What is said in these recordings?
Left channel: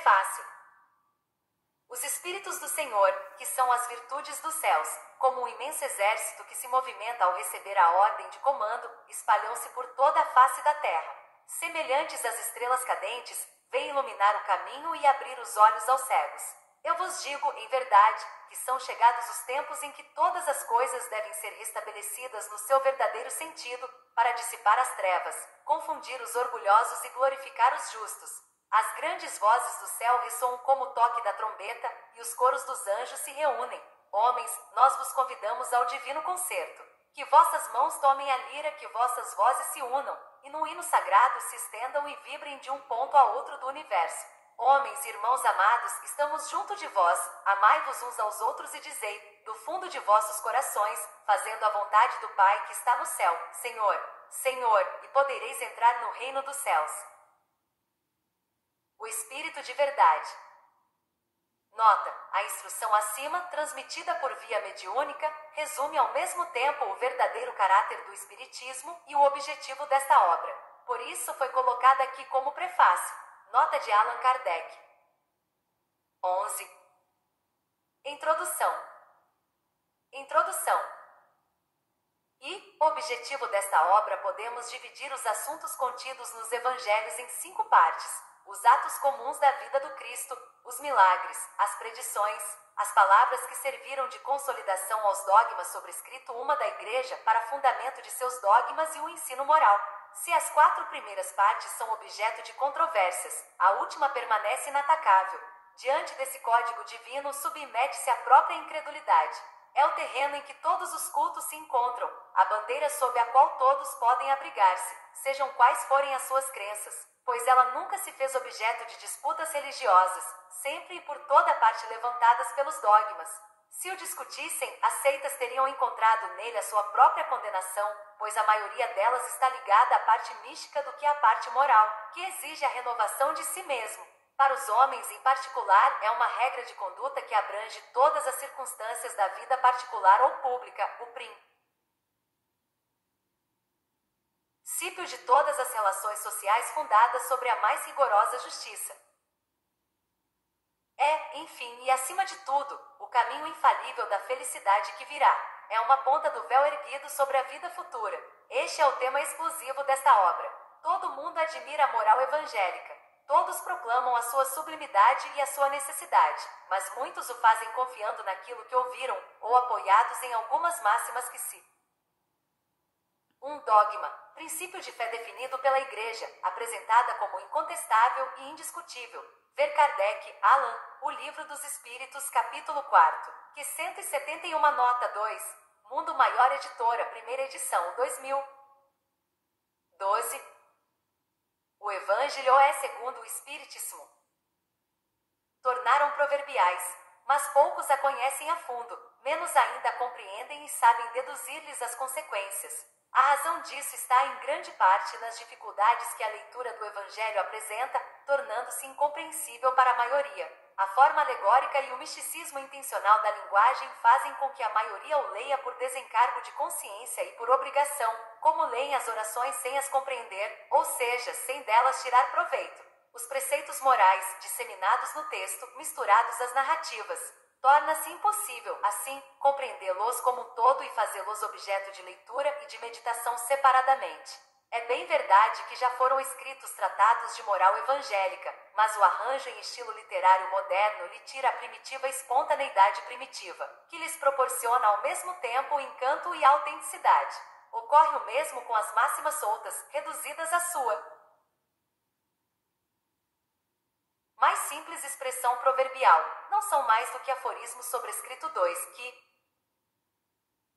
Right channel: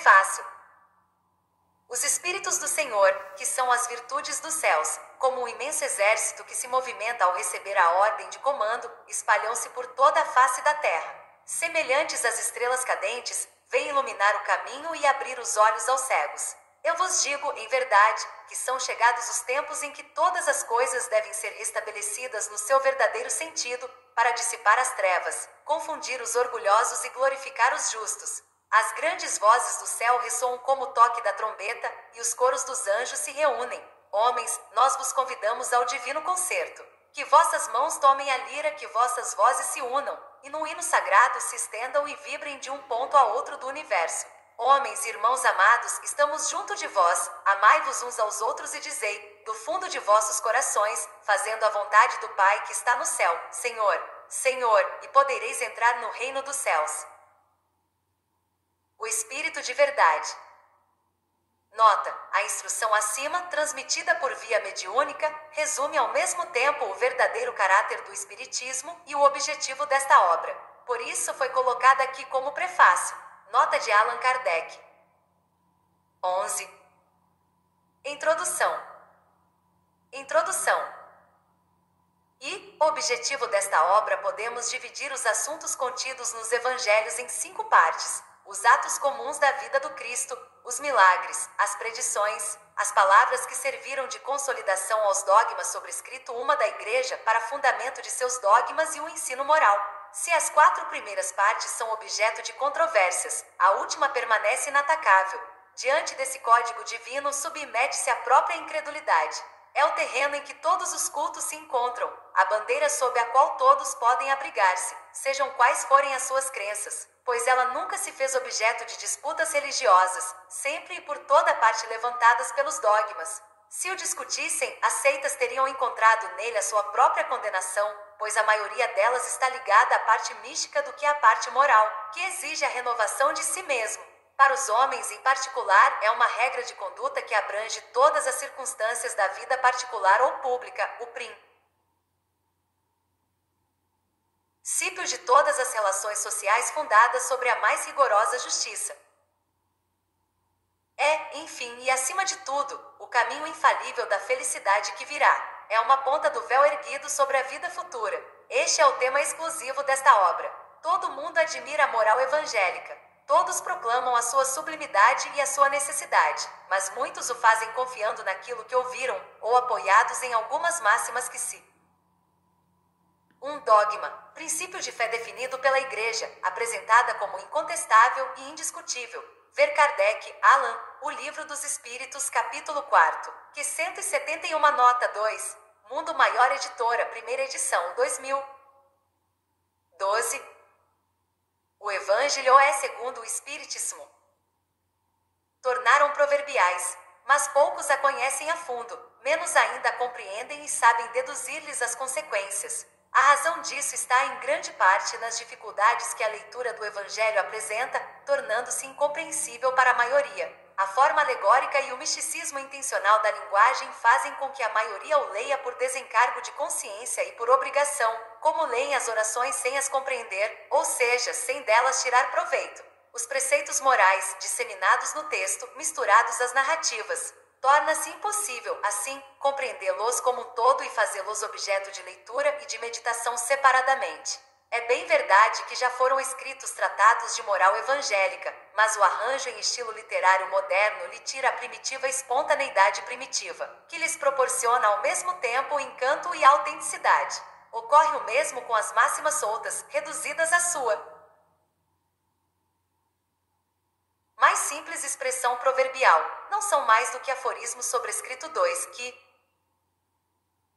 Prefácio. Os Espíritos do Senhor, que são as virtudes dos céus, como um imenso exército que se movimenta ao receber a ordem de comando, espalham-se por toda a face da terra. Semelhantes às estrelas cadentes, vêm iluminar o caminho e abrir os olhos aos cegos. Eu vos digo, em verdade, que são chegados os tempos em que todas as coisas devem ser restabelecidas no seu verdadeiro sentido, para dissipar as trevas, confundir os orgulhosos e glorificar os justos. As grandes vozes do céu ressoam como o toque da trombeta, e os coros dos anjos se reúnem. Homens, nós vos convidamos ao divino concerto. Que vossas mãos tomem a lira, que vossas vozes se unam, e no hino sagrado se estendam e vibrem de um ponto a outro do universo. Homens, irmãos amados, estamos junto de vós, amai-vos uns aos outros e dizei, do fundo de vossos corações, fazendo a vontade do Pai que está no céu, Senhor, Senhor, e podereis entrar no reino dos céus. O Espírito de Verdade. Nota: a instrução acima, transmitida por via mediúnica, resume ao mesmo tempo o verdadeiro caráter do Espiritismo e o objetivo desta obra. Por isso foi colocada aqui como prefácio. Nota de Allan Kardec. 11. Introdução. E, objetivo desta obra, podemos dividir os assuntos contidos nos Evangelhos em 5 partes: os atos comuns da vida do Cristo, os milagres, as predições, as palavras que serviram de consolidação aos dogmas sobrescrito uma da Igreja para fundamento de seus dogmas e o ensino moral. Se as 4 primeiras partes são objeto de controvérsias, a última permanece inatacável. Diante desse código divino submete-se a própria incredulidade. É o terreno em que todos os cultos se encontram, a bandeira sob a qual todos podem abrigar-se, sejam quais forem as suas crenças, pois ela nunca se fez objeto de disputas religiosas, sempre e por toda parte levantadas pelos dogmas. Se o discutissem, as seitas teriam encontrado nele a sua própria condenação, pois a maioria delas está ligada à parte mística do que à parte moral, que exige a renovação de si mesmo. Para os homens, em particular, é uma regra de conduta que abrange todas as circunstâncias da vida particular ou pública, o princípio de todas as relações sociais fundadas sobre a mais rigorosa justiça. É, enfim, e acima de tudo, o caminho infalível da felicidade que virá. É uma ponta do véu erguido sobre a vida futura. Este é o tema exclusivo desta obra. Todo mundo admira a moral evangélica. Todos proclamam a sua sublimidade e a sua necessidade, mas muitos o fazem confiando naquilo que ouviram, ou apoiados em algumas máximas que um dogma, princípio de fé definido pela Igreja, apresentada como incontestável e indiscutível. Ver Kardec, Allan, O Livro dos Espíritos, capítulo 4, que 171, nota 2, Mundo Maior Editora, primeira edição, 2012. O Evangelho é segundo o Espiritismo. Tornaram proverbiais, mas poucos a conhecem a fundo, menos ainda a compreendem e sabem deduzir-lhes as consequências. A razão disso está em grande parte nas dificuldades que a leitura do Evangelho apresenta, tornando-se incompreensível para a maioria. A forma alegórica e o misticismo intencional da linguagem fazem com que a maioria o leia por desencargo de consciência e por obrigação, como leem as orações sem as compreender, ou seja, sem delas tirar proveito. Os preceitos morais, disseminados no texto, misturados às narrativas, torna-se impossível, assim, compreendê-los como um todo e fazê-los objeto de leitura e de meditação separadamente. É bem verdade que já foram escritos tratados de moral evangélica, mas o arranjo em estilo literário moderno lhe tira a primitiva espontaneidade primitiva, que lhes proporciona ao mesmo tempo o encanto e a autenticidade. Ocorre o mesmo com as máximas soltas, reduzidas à sua mais simples expressão proverbial. Não são mais do que aforismos sobrescrito 2, que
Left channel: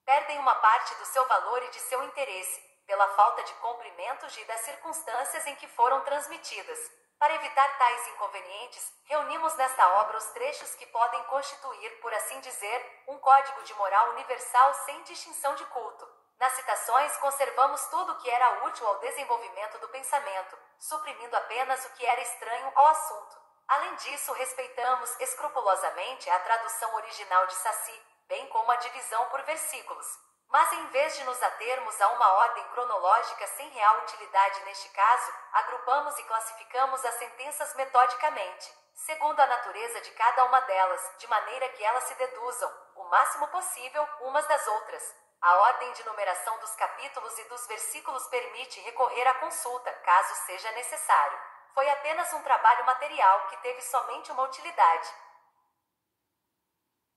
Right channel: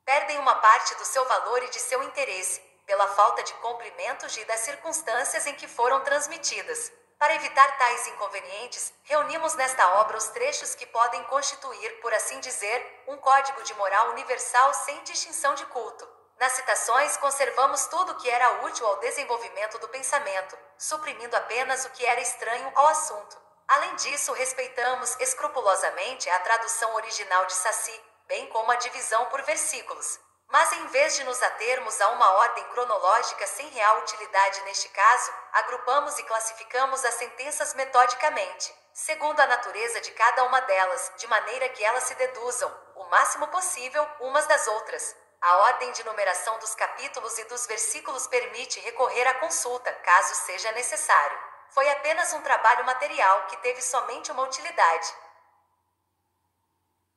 perdem uma parte do seu valor e de seu interesse, pela falta de cumprimentos e das circunstâncias em que foram transmitidas. Para evitar tais inconvenientes, reunimos nesta obra os trechos que podem constituir, por assim dizer, um código de moral universal sem distinção de culto. Nas citações conservamos tudo o que era útil ao desenvolvimento do pensamento, suprimindo apenas o que era estranho ao assunto. Além disso, respeitamos escrupulosamente a tradução original de Saci, bem como a divisão por versículos. Mas em vez de nos atermos a uma ordem cronológica sem real utilidade neste caso, agrupamos e classificamos as sentenças metodicamente, segundo a natureza de cada uma delas, de maneira que elas se deduzam, o máximo possível, umas das outras. A ordem de numeração dos capítulos e dos versículos permite recorrer à consulta, caso seja necessário. Foi apenas um trabalho material que teve somente uma utilidade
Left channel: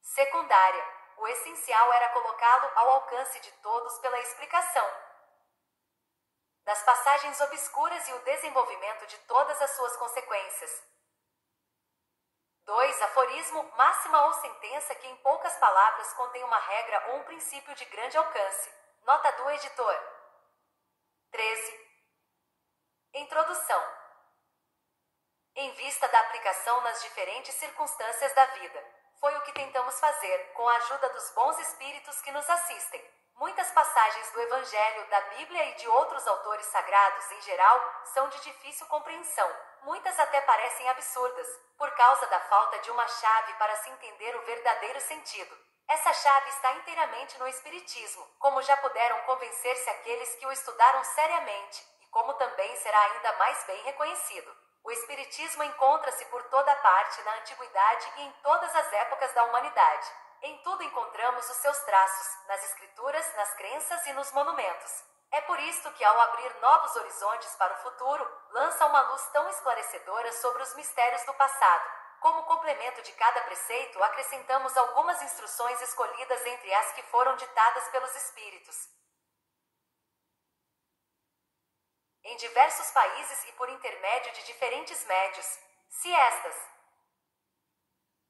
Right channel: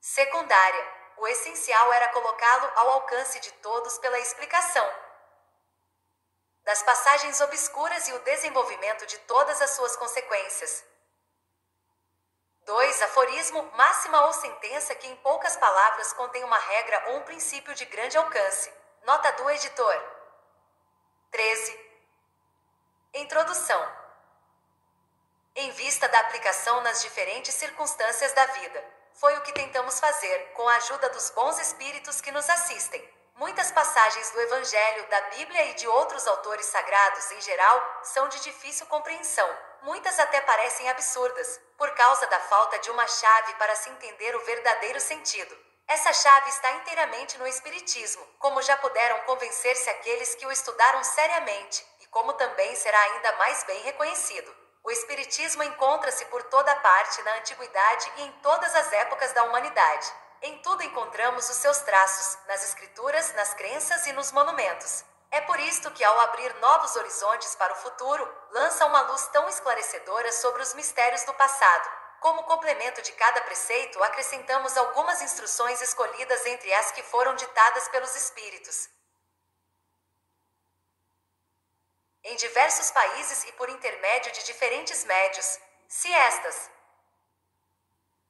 secundária. O essencial era colocá-lo ao alcance de todos pela explicação das passagens obscuras e o desenvolvimento de todas as suas consequências. 2. Aforismo, máxima ou sentença que em poucas palavras contém uma regra ou um princípio de grande alcance. Nota do editor. 13. Introdução. Em vista da aplicação nas diferentes circunstâncias da vida, foi o que tentamos fazer, com a ajuda dos bons espíritos que nos assistem. Muitas passagens do Evangelho, da Bíblia e de outros autores sagrados em geral, são de difícil compreensão. Muitas até parecem absurdas, por causa da falta de uma chave para se entender o verdadeiro sentido. Essa chave está inteiramente no Espiritismo, como já puderam convencer-se aqueles que o estudaram seriamente, e como também será ainda mais bem reconhecido. O Espiritismo encontra-se por toda parte na antiguidade e em todas as épocas da humanidade. Em tudo encontramos os seus traços, nas escrituras, nas crenças e nos monumentos. É por isto que, ao abrir novos horizontes para o futuro, lança uma luz tão esclarecedora sobre os mistérios do passado. Como complemento de cada preceito, acrescentamos algumas instruções escolhidas entre as que foram ditadas pelos Espíritos em diversos países e por intermédio de diferentes médios. Se estas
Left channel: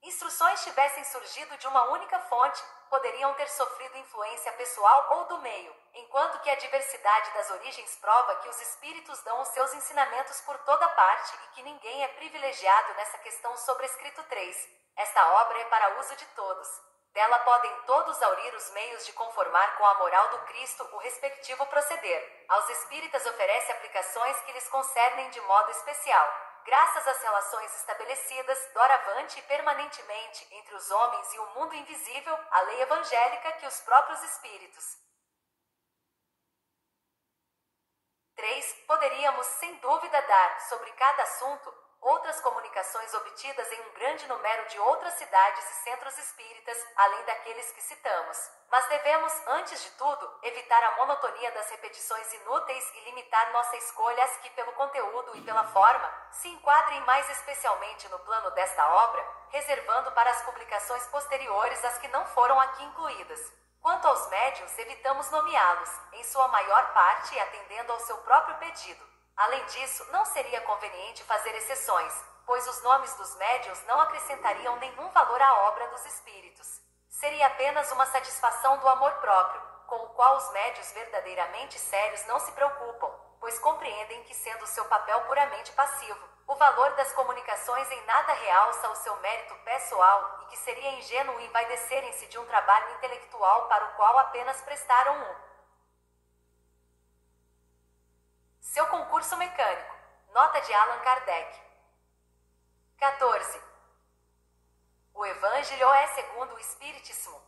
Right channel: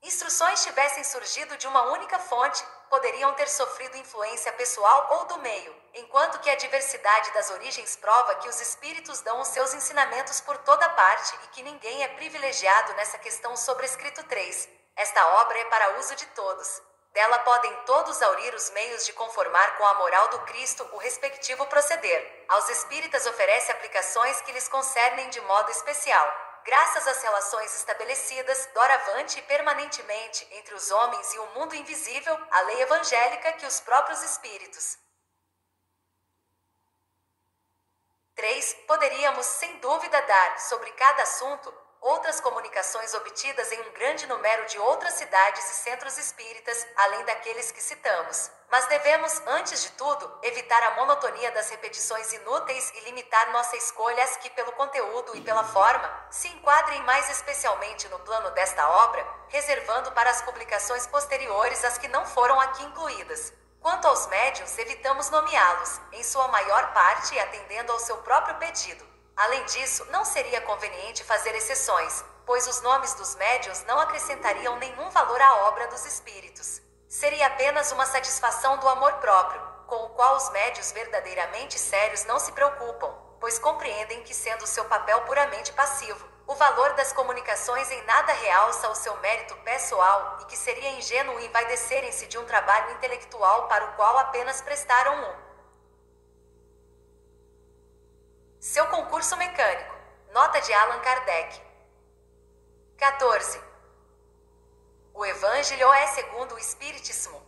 instruções tivessem surgido de uma única fonte, poderiam ter sofrido influência pessoal ou do meio, enquanto que a diversidade das origens prova que os espíritos dão os seus ensinamentos por toda parte e que ninguém é privilegiado nessa questão sobrescrito 3. Esta obra é para uso de todos. Dela podem todos aurir os meios de conformar com a moral do Cristo o respectivo proceder. Aos espíritas oferece aplicações que lhes concernem de modo especial, graças às relações estabelecidas, doravante e permanentemente, entre os homens e o mundo invisível, a lei evangélica que os próprios espíritos 3. Poderíamos, sem dúvida, dar, sobre cada assunto, outras comunicações obtidas em um grande número de outras cidades e centros espíritas, além daqueles que citamos. Mas devemos, antes de tudo, evitar a monotonia das repetições inúteis e limitar nossa escolha às que, pelo conteúdo e pela forma, se enquadrem mais especialmente no plano desta obra, reservando para as publicações posteriores as que não foram aqui incluídas. Quanto aos médiuns, evitamos nomeá-los, em sua maior parte atendendo ao seu próprio pedido. Além disso, não seria conveniente fazer exceções, pois os nomes dos médiuns não acrescentariam nenhum valor à obra dos espíritos. Seria apenas uma satisfação do amor próprio, com o qual os médiuns verdadeiramente sérios não se preocupam, pois compreendem que, sendo seu papel puramente passivo, o valor das comunicações em nada realça o seu mérito pessoal e que seria ingênuo envaidecerem-se de um trabalho intelectual para o qual apenas prestaram seu concurso mecânico. Nota de Allan Kardec. 14. O Evangelho é segundo o Espiritismo.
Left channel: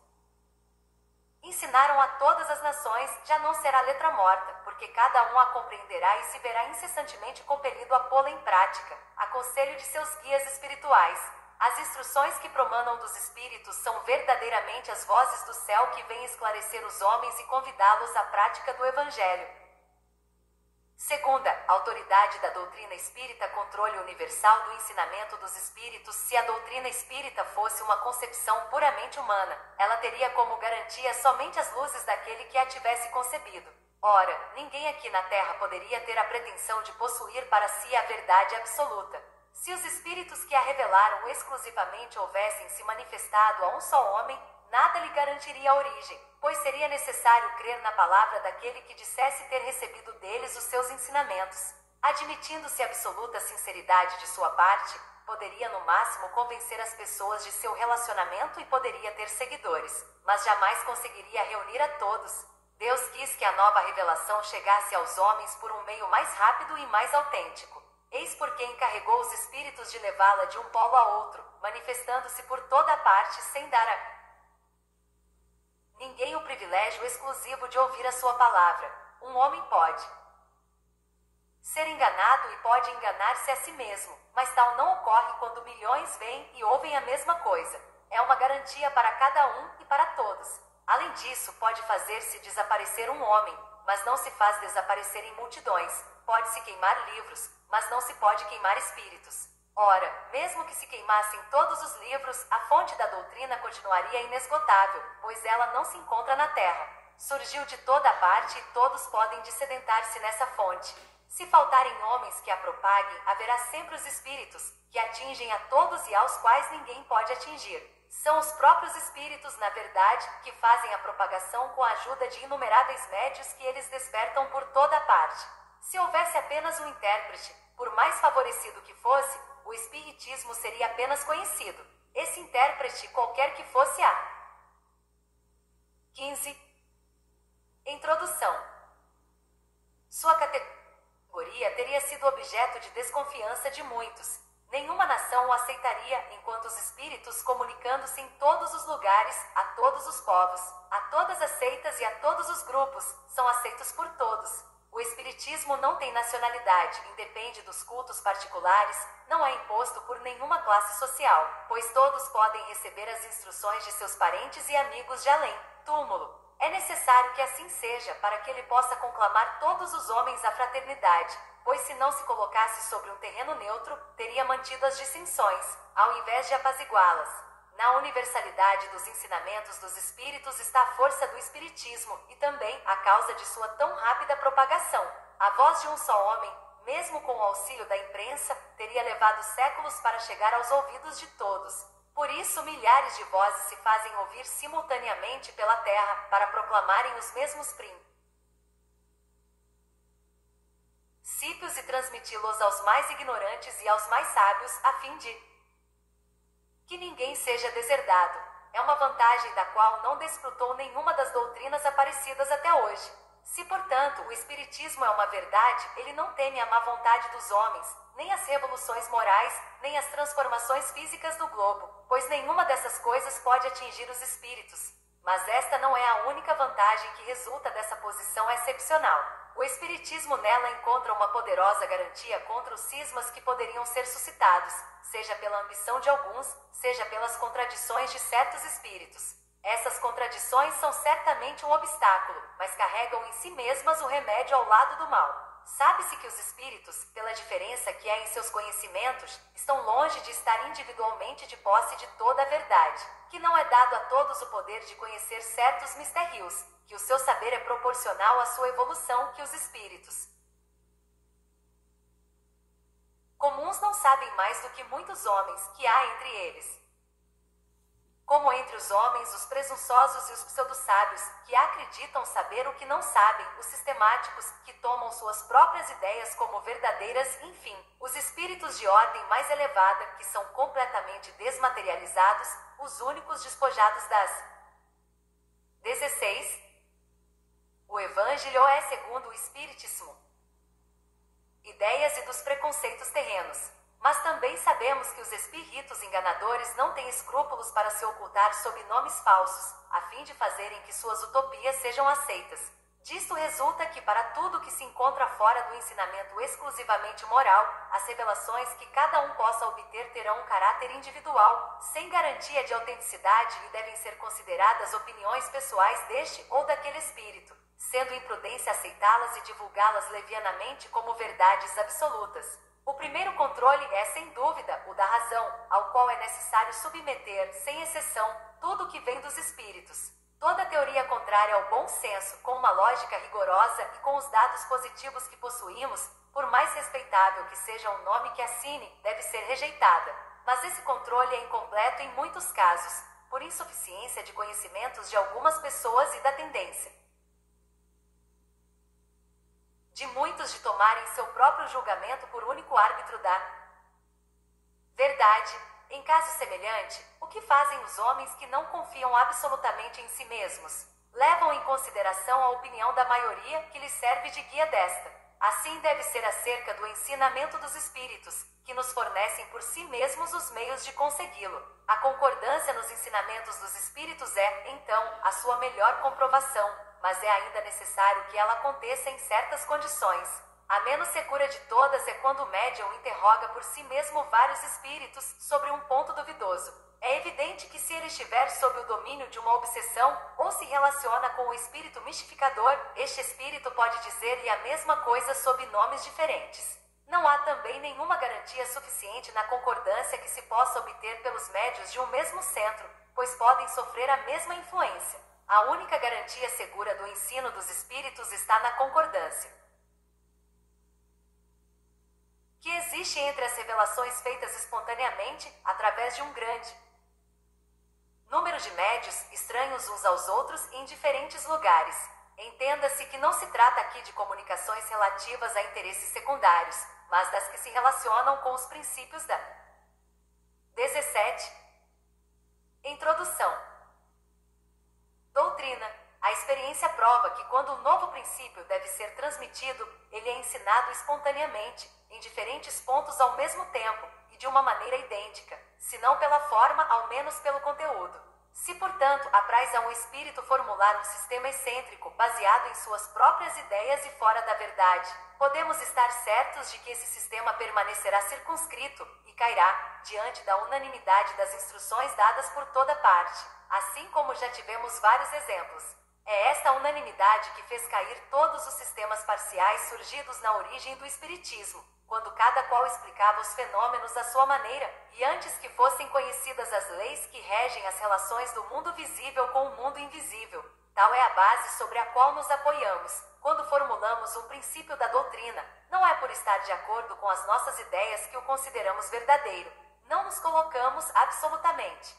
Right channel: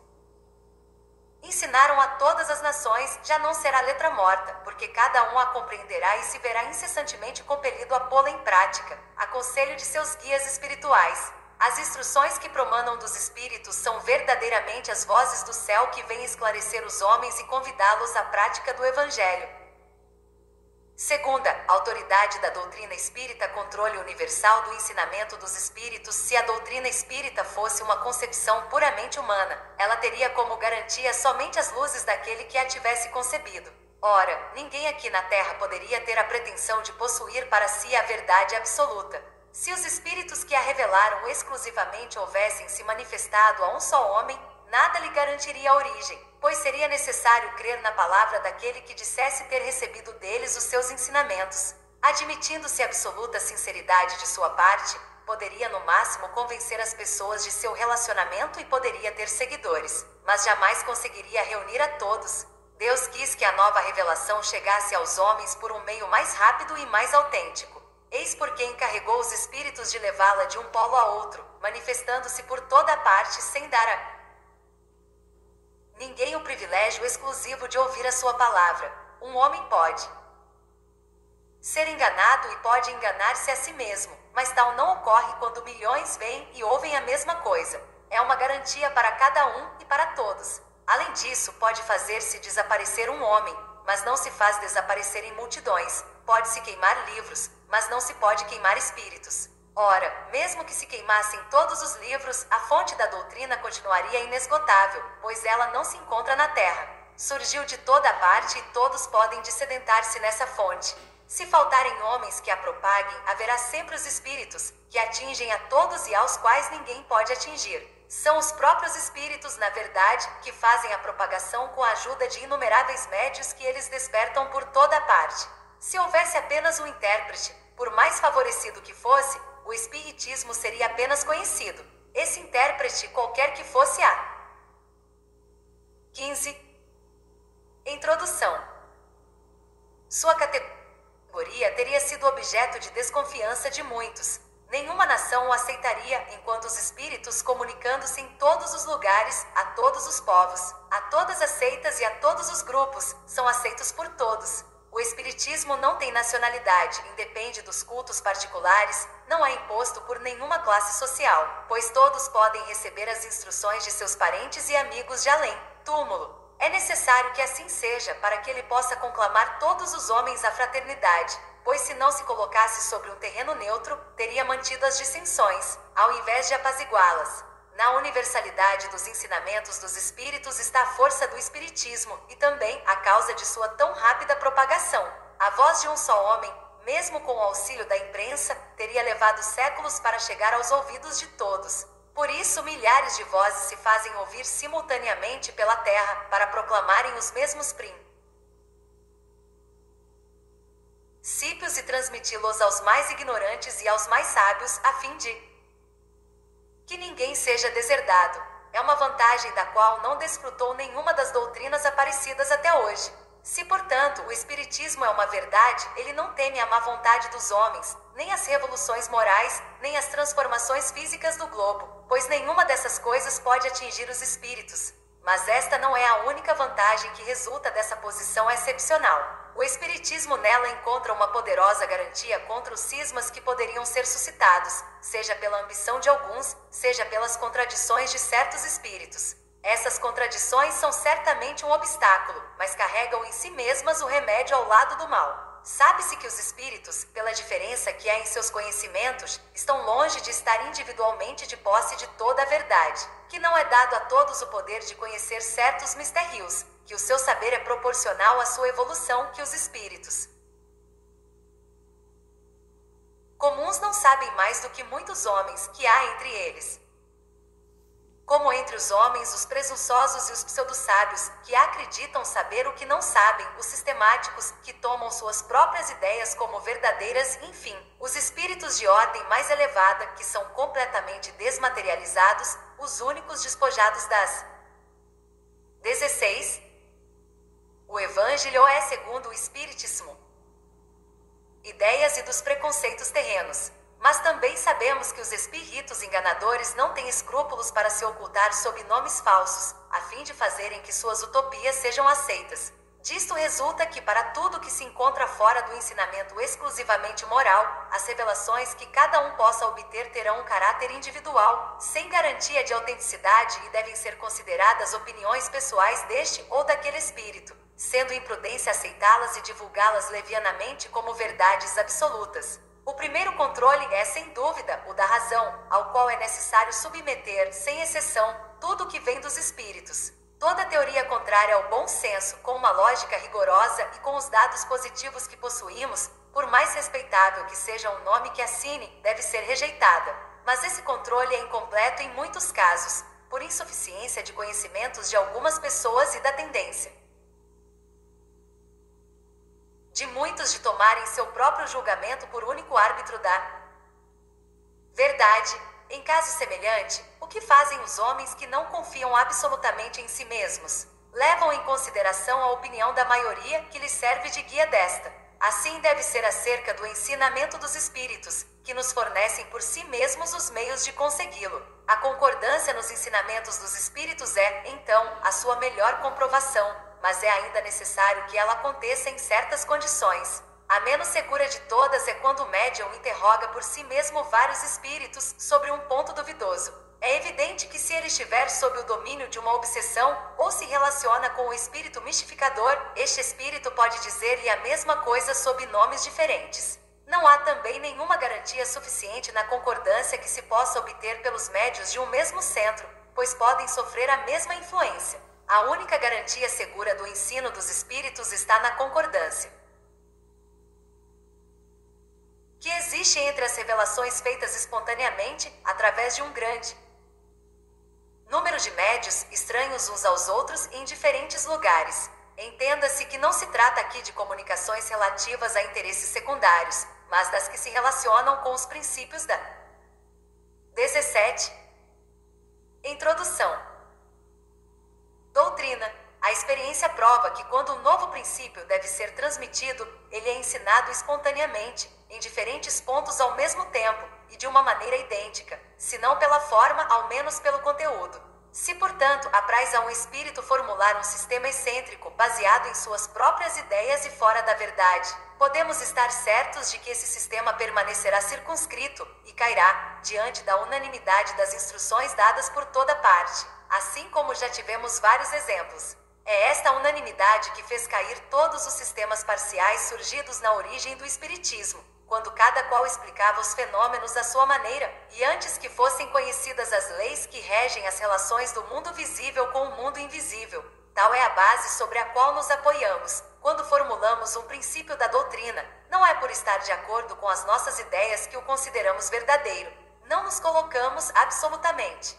Ensinaram a todas as nações, já não será letra morta, porque cada um a compreenderá e se verá incessantemente compelido a pô-la em prática, a conselho de seus guias espirituais. As instruções que promanam dos espíritos são verdadeiramente as vozes do céu que vêm esclarecer os homens e convidá-los à prática do Evangelho. Segunda, autoridade da doutrina espírita, controle universal do ensinamento dos espíritos. Se a doutrina espírita fosse uma concepção puramente humana, ela teria como garantia somente as luzes daquele que a tivesse concebido. Ora, ninguém aqui na Terra poderia ter a pretensão de possuir para si a verdade absoluta. Se os espíritos que a revelaram exclusivamente houvessem se manifestado a um só homem, nada lhe garantiria a origem, pois seria necessário crer na palavra daquele que dissesse ter recebido deles os seus ensinamentos. Admitindo-se absoluta sinceridade de sua parte, poderia no máximo convencer as pessoas de seu relacionamento e poderia ter seguidores, mas jamais conseguiria reunir a todos. Deus quis que a nova revelação chegasse aos homens por um meio mais rápido e mais autêntico. Eis porque encarregou os espíritos de levá-la de um polo a outro, manifestando-se por toda a parte sem dar a ninguém o privilégio exclusivo de ouvir a sua palavra. Um homem pode ser enganado e pode enganar-se a si mesmo, mas tal não ocorre quando milhões veem e ouvem a mesma coisa. É uma garantia para cada um e para todos. Além disso, pode fazer-se desaparecer um homem, mas não se faz desaparecer em multidões. Pode-se queimar livros, mas não se pode queimar espíritos. Ora, mesmo que se queimassem todos os livros, a fonte da doutrina continuaria inesgotável, pois ela não se encontra na terra. Surgiu de toda parte e todos podem dessedentar-se nessa fonte. Se faltarem homens que a propaguem, haverá sempre os espíritos, que atingem a todos e aos quais ninguém pode atingir. São os próprios espíritos, na verdade, que fazem a propagação com a ajuda de inumeráveis médios que eles despertam por toda parte. Se houvesse apenas um intérprete, por mais favorecido que fosse, o espiritismo seria apenas conhecido. Esse intérprete, qualquer que fosse a 15. Introdução. Sua categoria teria sido objeto de desconfiança de muitos. Nenhuma nação o aceitaria, enquanto os espíritos, comunicando-se em todos os lugares, a todos os povos, a todas as seitas e a todos os grupos, são aceitos por todos. O espiritismo não tem nacionalidade, independe dos cultos particulares, não é imposto por nenhuma classe social, pois todos podem receber as instruções de seus parentes e amigos de além túmulo. É necessário que assim seja, para que ele possa conclamar todos os homens à fraternidade, pois se não se colocasse sobre um terreno neutro, teria mantido as dissensões, ao invés de apaziguá-las. Na universalidade dos ensinamentos dos espíritos está a força do espiritismo e também a causa de sua tão rápida propagação. A voz de um só homem, mesmo com o auxílio da imprensa, teria levado séculos para chegar aos ouvidos de todos. Por isso, milhares de vozes se fazem ouvir simultaneamente pela terra para proclamarem os mesmos princípios e transmiti-los aos mais ignorantes e aos mais sábios, a fim de que ninguém seja deserdado. É uma vantagem da qual não desfrutou nenhuma das doutrinas aparecidas até hoje. Se, portanto, o espiritismo é uma verdade, ele não teme a má vontade dos homens, nem as revoluções morais, nem as transformações físicas do globo, pois nenhuma dessas coisas pode atingir os espíritos. Mas esta não é a única vantagem que resulta dessa posição excepcional. O espiritismo nela encontra uma poderosa garantia contra os cismas que poderiam ser suscitados, seja pela ambição de alguns, seja pelas contradições de certos espíritos. Essas contradições são certamente um obstáculo, mas carregam em si mesmas o remédio ao lado do mal. Sabe-se que os espíritos, pela diferença que há em seus conhecimentos, estão longe de estar individualmente de posse de toda a verdade, que não é dado a todos o poder de conhecer certos mistérios, que o seu saber é proporcional à sua evolução, que os espíritos comuns não sabem mais do que muitos homens que há entre eles. Como entre os homens os presunçosos e os pseudo-sábios, que acreditam saber o que não sabem, os sistemáticos, que tomam suas próprias ideias como verdadeiras, enfim, os espíritos de ordem mais elevada, que são completamente desmaterializados, os únicos despojados das 16. O Evangelho é segundo o Espiritismo. Ideias e dos preconceitos terrenos. Mas também sabemos que os espíritos enganadores não têm escrúpulos para se ocultar sob nomes falsos, a fim de fazerem que suas utopias sejam aceitas. Disto resulta que para tudo que se encontra fora do ensinamento exclusivamente moral, as revelações que cada um possa obter terão um caráter individual, sem garantia de autenticidade e devem ser consideradas opiniões pessoais deste ou daquele espírito, sendo imprudência aceitá-las e divulgá-las levianamente como verdades absolutas. O primeiro controle é, sem dúvida, o da razão, ao qual é necessário submeter, sem exceção, tudo o que vem dos espíritos. Toda teoria contrária ao bom senso, com uma lógica rigorosa e com os dados positivos que possuímos, por mais respeitável que seja o nome que assine, deve ser rejeitada. Mas esse controle é incompleto em muitos casos, por insuficiência de conhecimentos de algumas pessoas e da tendência de muitos de tomarem seu próprio julgamento por único árbitro da verdade. Em caso semelhante, o que fazem os homens que não confiam absolutamente em si mesmos? Levam em consideração a opinião da maioria, que lhes serve de guia desta Assim deve ser acerca do ensinamento dos espíritos, que nos fornecem por si mesmos os meios de consegui-lo. A concordância nos ensinamentos dos espíritos é, então, a sua melhor comprovação, mas é ainda necessário que ela aconteça em certas condições. A menos segura de todas é quando o médium interroga por si mesmo vários espíritos sobre um ponto duvidoso. É evidente que se ele estiver sob o domínio de uma obsessão ou se relaciona com o espírito mistificador, este espírito pode dizer-lhe a mesma coisa sob nomes diferentes. Não há também nenhuma garantia suficiente na concordância que se possa obter pelos médios de um mesmo centro, pois podem sofrer a mesma influência. A única garantia segura do ensino dos espíritos está na concordância que existe entre as revelações feitas espontaneamente, através de um grande número de médios, estranhos uns aos outros em diferentes lugares. Entenda-se que não se trata aqui de comunicações relativas a interesses secundários, mas das que se relacionam com os princípios da 17. Introdução. Doutrina. A experiência prova que quando um novo princípio deve ser transmitido, ele é ensinado espontaneamente, em diferentes pontos ao mesmo tempo, e de uma maneira idêntica, se não pela forma, ao menos pelo conteúdo. Se, portanto, apraz a um espírito formular um sistema excêntrico, baseado em suas próprias ideias e fora da verdade, podemos estar certos de que esse sistema permanecerá circunscrito e cairá, diante da unanimidade das instruções dadas por toda parte, assim como já tivemos vários exemplos. É esta unanimidade que fez cair todos os sistemas parciais surgidos na origem do Espiritismo, quando cada qual explicava os fenômenos à sua maneira, e antes que fossem conhecidas as leis que regem as relações do mundo visível com o mundo invisível. Tal é a base sobre a qual nos apoiamos, quando formulamos um princípio da doutrina. Não é por estar de acordo com as nossas ideias que o consideramos verdadeiro. Não nos colocamos absolutamente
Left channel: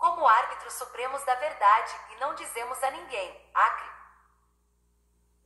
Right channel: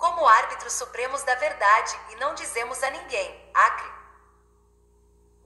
como árbitros supremos da verdade, e não dizemos a ninguém, acre,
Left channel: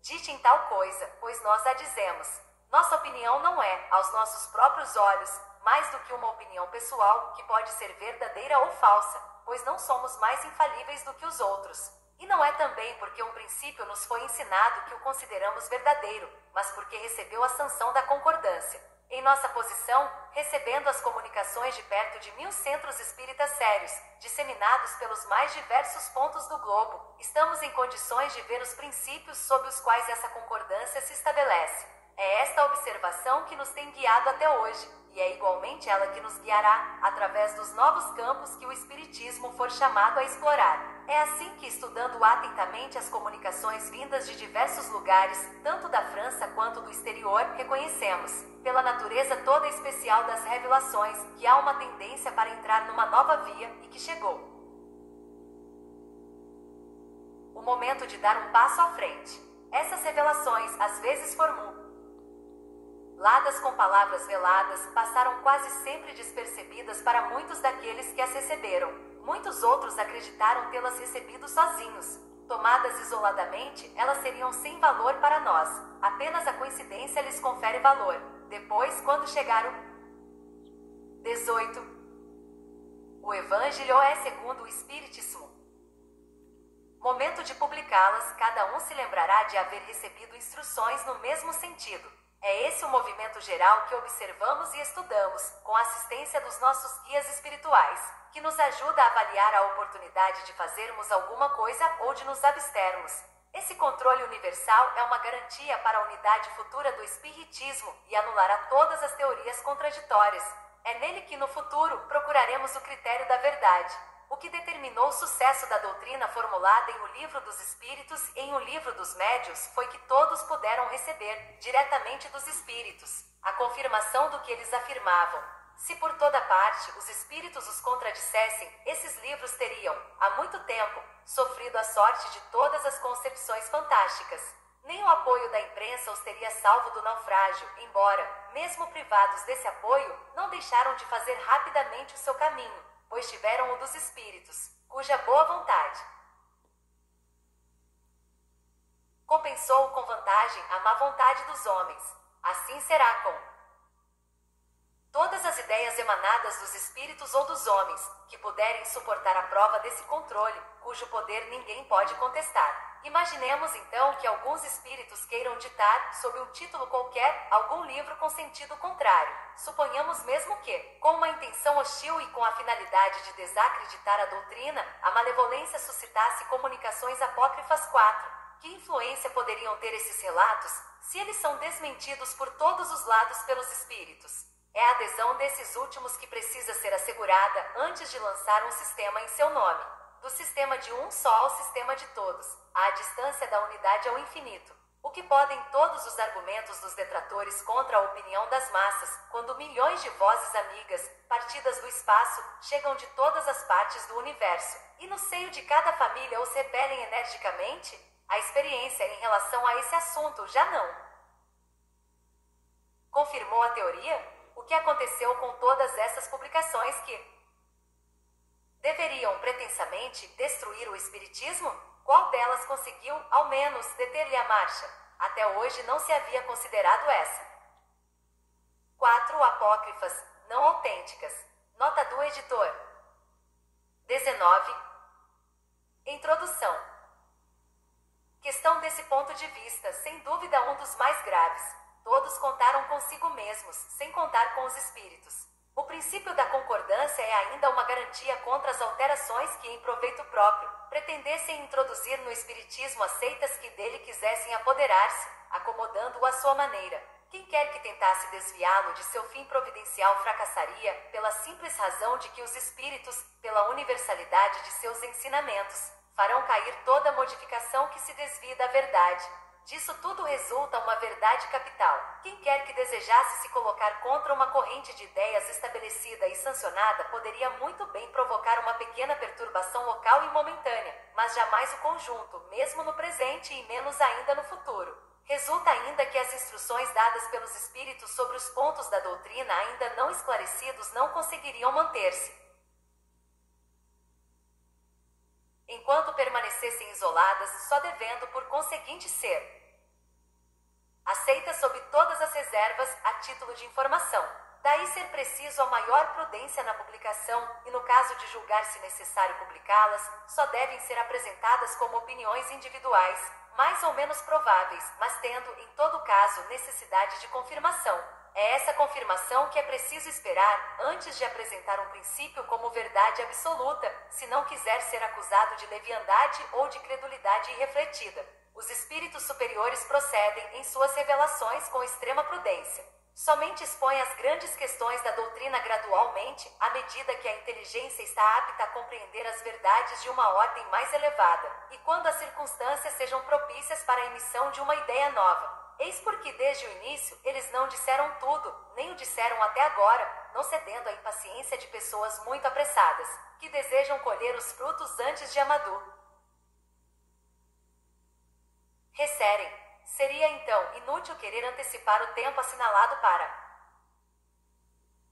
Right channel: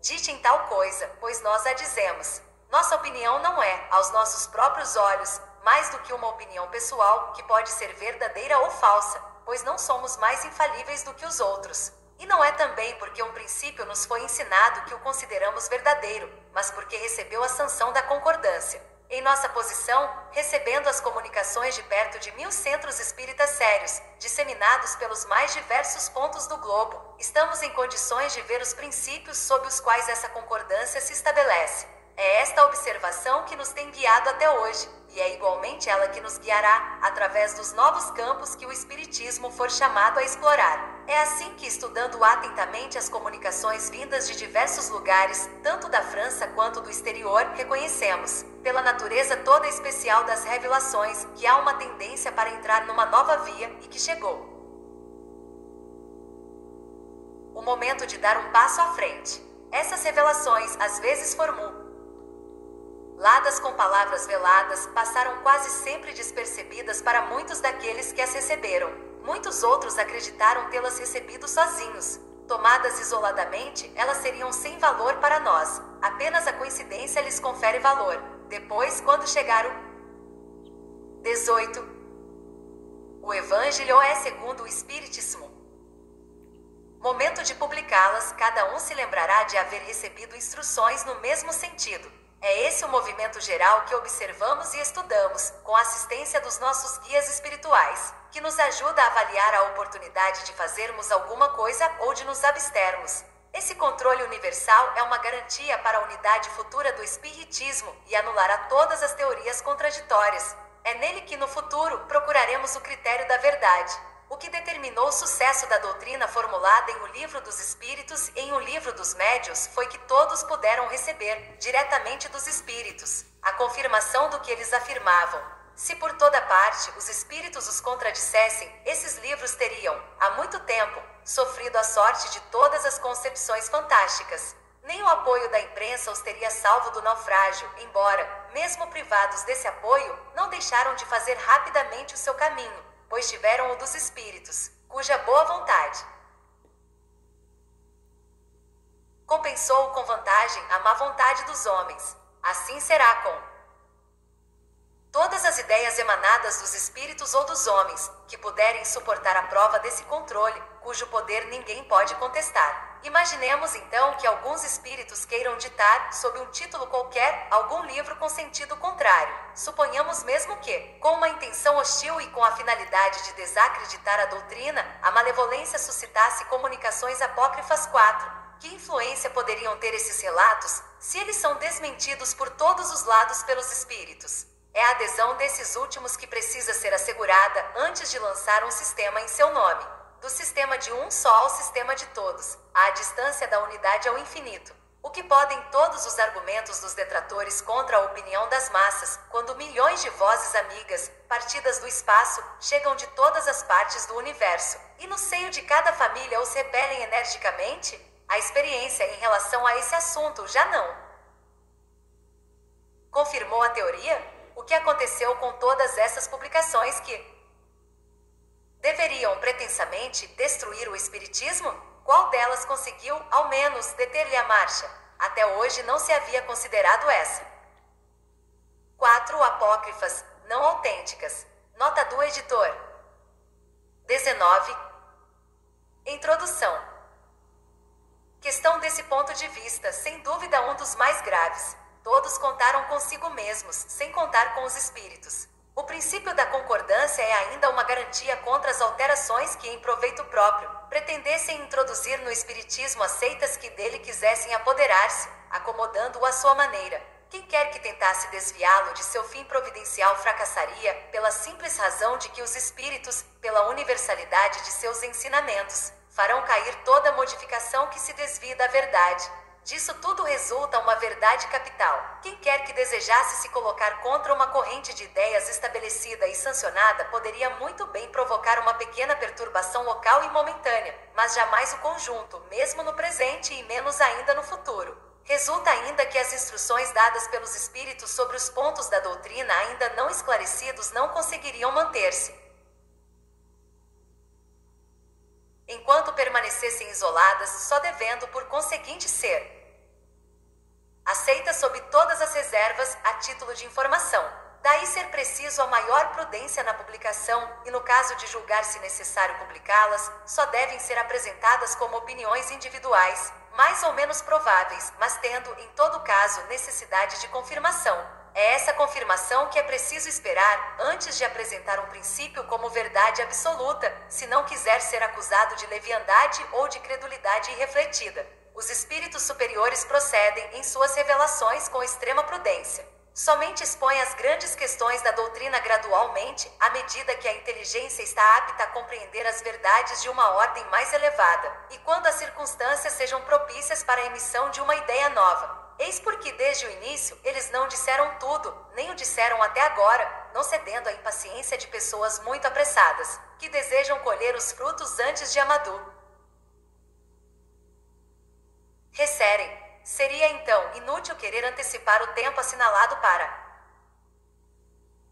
ditem tal coisa, pois nós a dizemos. Nossa opinião não é, aos nossos próprios olhos, mais do que uma opinião pessoal, que pode ser verdadeira ou falsa, pois não somos mais infalíveis do que os outros. E não é também porque um princípio nos foi ensinado que o consideramos verdadeiro, mas porque recebeu a sanção da concordância. Em nossa posição, recebendo as comunicações de perto de 1000 centros espíritas sérios, disseminados pelos mais diversos pontos do globo, estamos em condições de ver os princípios sob os quais essa concordância se estabelece. É esta observação que nos tem guiado até hoje, e é igualmente ela que nos guiará, através dos novos campos que o Espiritismo for chamado a explorar. É assim que, estudando atentamente as comunicações vindas de diversos lugares, tanto da França quanto do exterior, reconhecemos, pela natureza toda especial das revelações, que há uma tendência para entrar numa nova via e que chegou o momento de dar um passo à frente. Essas revelações, às vezes formuladas com palavras veladas, passaram quase sempre despercebidas para muitos daqueles que as receberam. Muitos outros acreditaram tê-las recebido sozinhos. Tomadas isoladamente, elas seriam sem valor para nós. Apenas a coincidência lhes confere valor. Depois, quando chegar o 18, o Evangelho é segundo o Espiritismo. Momento de publicá-las, cada um se lembrará de haver recebido instruções no mesmo sentido. É esse o movimento geral que observamos e estudamos, com a assistência dos nossos guias espirituais, que nos ajuda a avaliar a oportunidade de fazermos alguma coisa ou de nos abstermos. Esse controle universal é uma garantia para a unidade futura do Espiritismo e anulará todas as teorias contraditórias. É nele que, no futuro, procuraremos o critério da verdade. O que determinou o sucesso da doutrina formulada em O Livro dos Espíritos e em O Livro dos Médiuns foi que todos puderam receber, diretamente dos espíritos, a confirmação do que eles afirmavam. Se por toda parte os espíritos os contradissessem, esses livros teriam, há muito tempo, sofrido a sorte de todas as concepções fantásticas. Nem o apoio da imprensa os teria salvo do naufrágio, embora, mesmo privados desse apoio, não deixaram de fazer rapidamente o seu caminho, pois tiveram o dos espíritos, cuja boa vontade compensou com vantagem a má vontade dos homens. Assim será com todas as ideias emanadas dos espíritos ou dos homens, que puderem suportar a prova desse controle, cujo poder ninguém pode contestar. Imaginemos então que alguns espíritos queiram ditar, sob um título qualquer, algum livro com sentido contrário. Suponhamos mesmo que, com uma intenção hostil e com a finalidade de desacreditar a doutrina, a malevolência suscitasse comunicações apócrifas. 4. Que influência poderiam ter esses relatos, se eles são desmentidos por todos os lados pelos espíritos? É a adesão desses últimos que precisa ser assegurada antes de lançar um sistema em seu nome. Do sistema de um só ao sistema de todos, à distância da unidade ao infinito. O que podem todos os argumentos dos detratores contra a opinião das massas, quando milhões de vozes amigas, partidas do espaço, chegam de todas as partes do universo, e no seio de cada família os repelem energicamente? A experiência em relação a esse assunto já não confirmou a teoria? O que aconteceu com todas essas publicações que deveriam pretensamente destruir o espiritismo? Qual delas conseguiu, ao menos, deter-lhe a marcha? Até hoje não se havia considerado essa. 4 apócrifas, não autênticas. Nota do editor. 19. Introdução. Questão desse ponto de vista, sem dúvida um dos mais graves. Todos contaram consigo mesmos, sem contar com os espíritos. O princípio da concordância é ainda uma garantia contra as alterações que, em proveito próprio, pretendessem introduzir no espiritismo as seitas que dele quisessem apoderar-se, acomodando-o à sua maneira. Quem quer que tentasse desviá-lo de seu fim providencial fracassaria, pela simples razão de que os espíritos, pela universalidade de seus ensinamentos, farão cair toda modificação que se desvie da verdade. Disso tudo resulta uma verdade capital. Quem quer que desejasse se colocar contra uma corrente de ideias estabelecida e sancionada poderia muito bem provocar uma pequena perturbação local e momentânea, mas jamais o conjunto, mesmo no presente e menos ainda no futuro. Resulta ainda que as instruções dadas pelos espíritos sobre os pontos da doutrina ainda não esclarecidos não conseguiriam manter-se, enquanto permanecessem isoladas, só devendo por conseguinte ser aceitas sob todas as reservas, a título de informação. Daí ser preciso a maior prudência na publicação, e no caso de julgar-se necessário publicá-las, só devem ser apresentadas como opiniões individuais, mais ou menos prováveis, mas tendo, em todo caso, necessidade de confirmação. É essa confirmação que é preciso esperar, antes de apresentar um princípio como verdade absoluta, se não quiser ser acusado de leviandade ou de credulidade irrefletida. Os espíritos superiores procedem, em suas revelações, com extrema prudência. Somente expõem as grandes questões da doutrina gradualmente, à medida que a inteligência está apta a compreender as verdades de uma ordem mais elevada, e quando as circunstâncias sejam propícias para a emissão de uma ideia nova. Eis porque desde o início eles não disseram tudo, nem o disseram até agora, não cedendo à impaciência de pessoas muito apressadas, que desejam colher os frutos antes de amaduro recerem. Seria então inútil querer antecipar o tempo assinalado para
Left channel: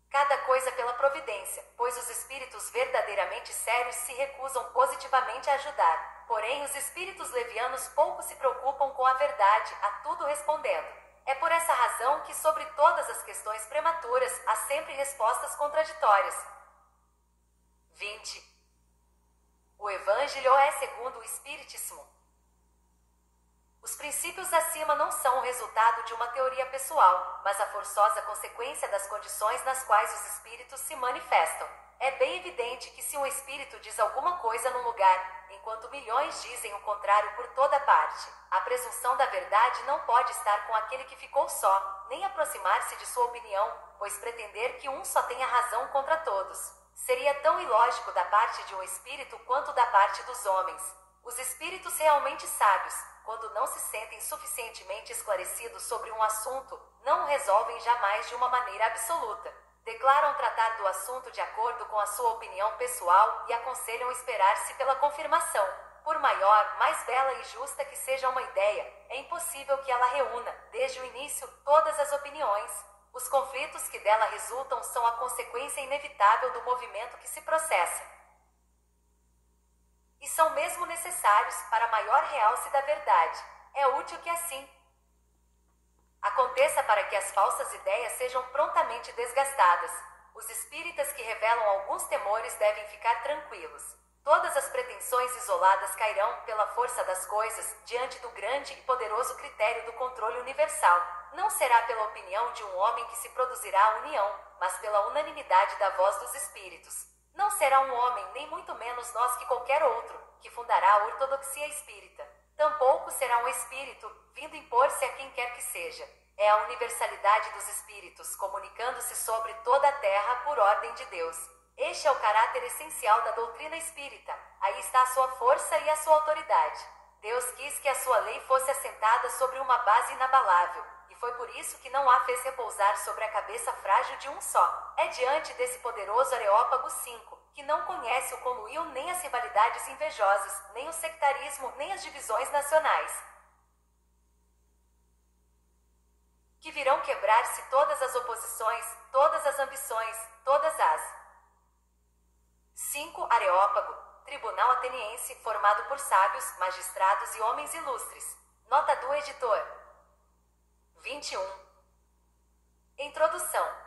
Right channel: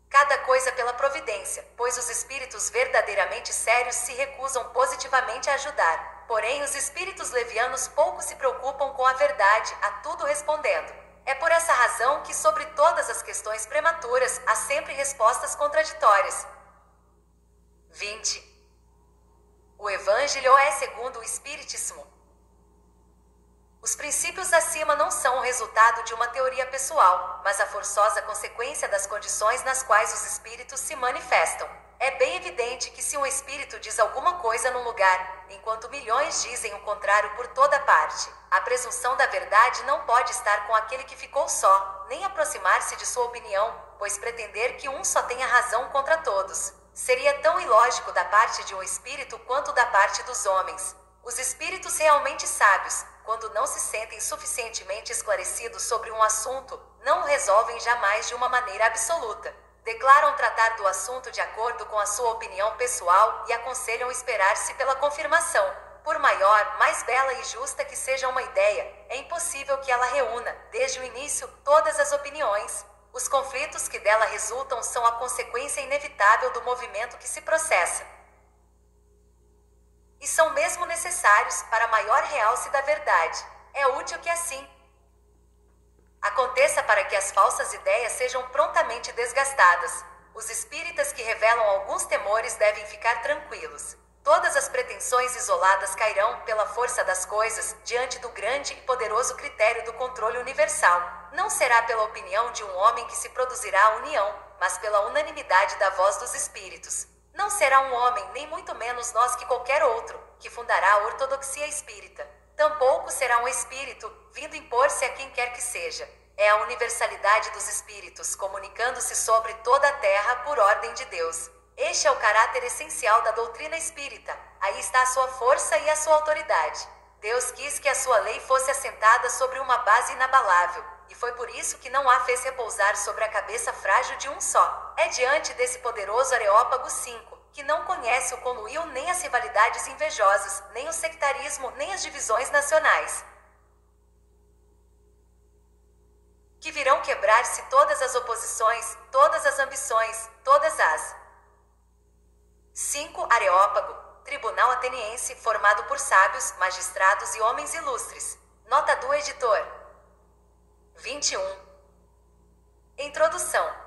cada coisa pela providência, pois os espíritos verdadeiramente sérios se recusam positivamente a ajudar. Porém, os espíritos levianos pouco se preocupam com a verdade, a tudo respondendo. É por essa razão que sobre todas as questões prematuras há sempre respostas contraditórias. 20. O Evangelho é segundo o Espiritismo. Os princípios acima não são o resultado de uma teoria pessoal, mas a forçosa consequência das condições nas quais os espíritos se manifestam. É bem evidente que se um espírito diz alguma coisa num lugar, enquanto milhões dizem o contrário por toda parte, a presunção da verdade não pode estar com aquele que ficou só, nem aproximar-se de sua opinião, pois pretender que um só tenha razão contra todos seria tão ilógico da parte de um espírito quanto da parte dos homens. Os espíritos realmente sábios, quando não se sentem suficientemente esclarecidos sobre um assunto, não o resolvem jamais de uma maneira absoluta. Declaram tratar do assunto de acordo com a sua opinião pessoal e aconselham esperar-se pela confirmação. Por maior, mais bela e justa que seja uma ideia, é impossível que ela reúna, desde o início, todas as opiniões. Os conflitos que dela resultam são a consequência inevitável do movimento que se processa. E são mesmo necessários para maior realce da verdade. É útil que assim aconteça para que as falsas ideias sejam prontamente desgastadas. Os espíritas que revelam alguns temores devem ficar tranquilos. Todas as pretensões isoladas cairão, pela força das coisas, diante do grande e poderoso critério do controle universal. Não será pela opinião de um homem que se produzirá a união, mas pela unanimidade da voz dos espíritos. Não será um homem, nem muito menos nós que qualquer outro, que fundará a ortodoxia espírita. Tampouco será um espírito, vindo impor-se a quem quer que seja. É a universalidade dos espíritos, comunicando-se sobre toda a terra por ordem de Deus. Este é o caráter essencial da doutrina espírita. Aí está a sua força e a sua autoridade. Deus quis que a sua lei fosse assentada sobre uma base inabalável, e foi por isso que não a fez repousar sobre a cabeça frágil de um só. É diante desse poderoso Areópago 5, que não conhece o conluio nem as rivalidades invejosas, nem o sectarismo, nem as divisões nacionais, que virão quebrar-se todas as oposições, todas as ambições, todas as 5. Areópago, tribunal ateniense formado por sábios, magistrados e homens ilustres. Nota do editor. 21. Introdução.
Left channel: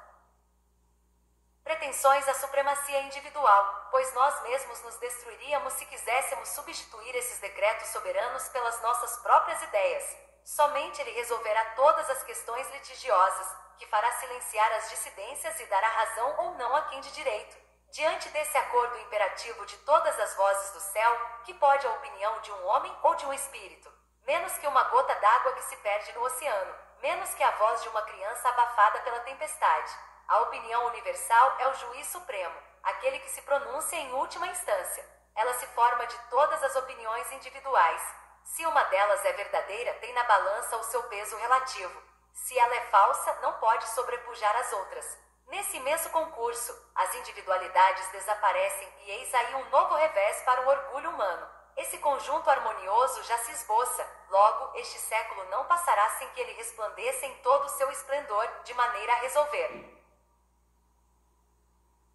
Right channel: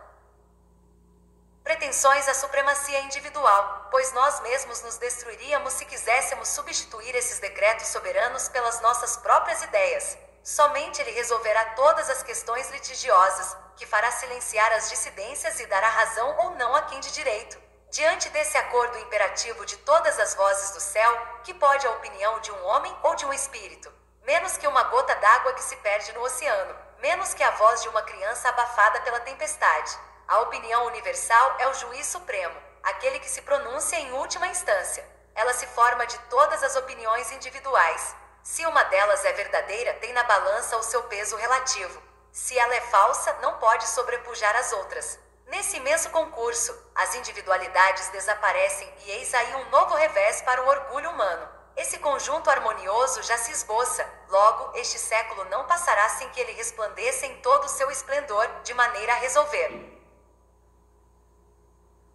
Pretensões à supremacia individual, pois nós mesmos nos destruiríamos se quiséssemos substituir esses decretos soberanos pelas nossas próprias ideias. Somente ele resolverá todas as questões litigiosas, que fará silenciar as dissidências e dará razão ou não a quem de direito. Diante desse acordo imperativo de todas as vozes do céu, que pode a opinião de um homem ou de um espírito? Menos que uma gota d'água que se perde no oceano, menos que a voz de uma criança abafada pela tempestade. A opinião universal é o juiz supremo, aquele que se pronuncia em última instância. Ela se forma de todas as opiniões individuais. Se uma delas é verdadeira, tem na balança o seu peso relativo. Se ela é falsa, não pode sobrepujar as outras. Nesse imenso concurso, as individualidades desaparecem e eis aí um novo revés para o orgulho humano. Esse conjunto harmonioso já se esboça, logo, este século não passará sem que ele resplandeça em todo o seu esplendor, de maneira a resolver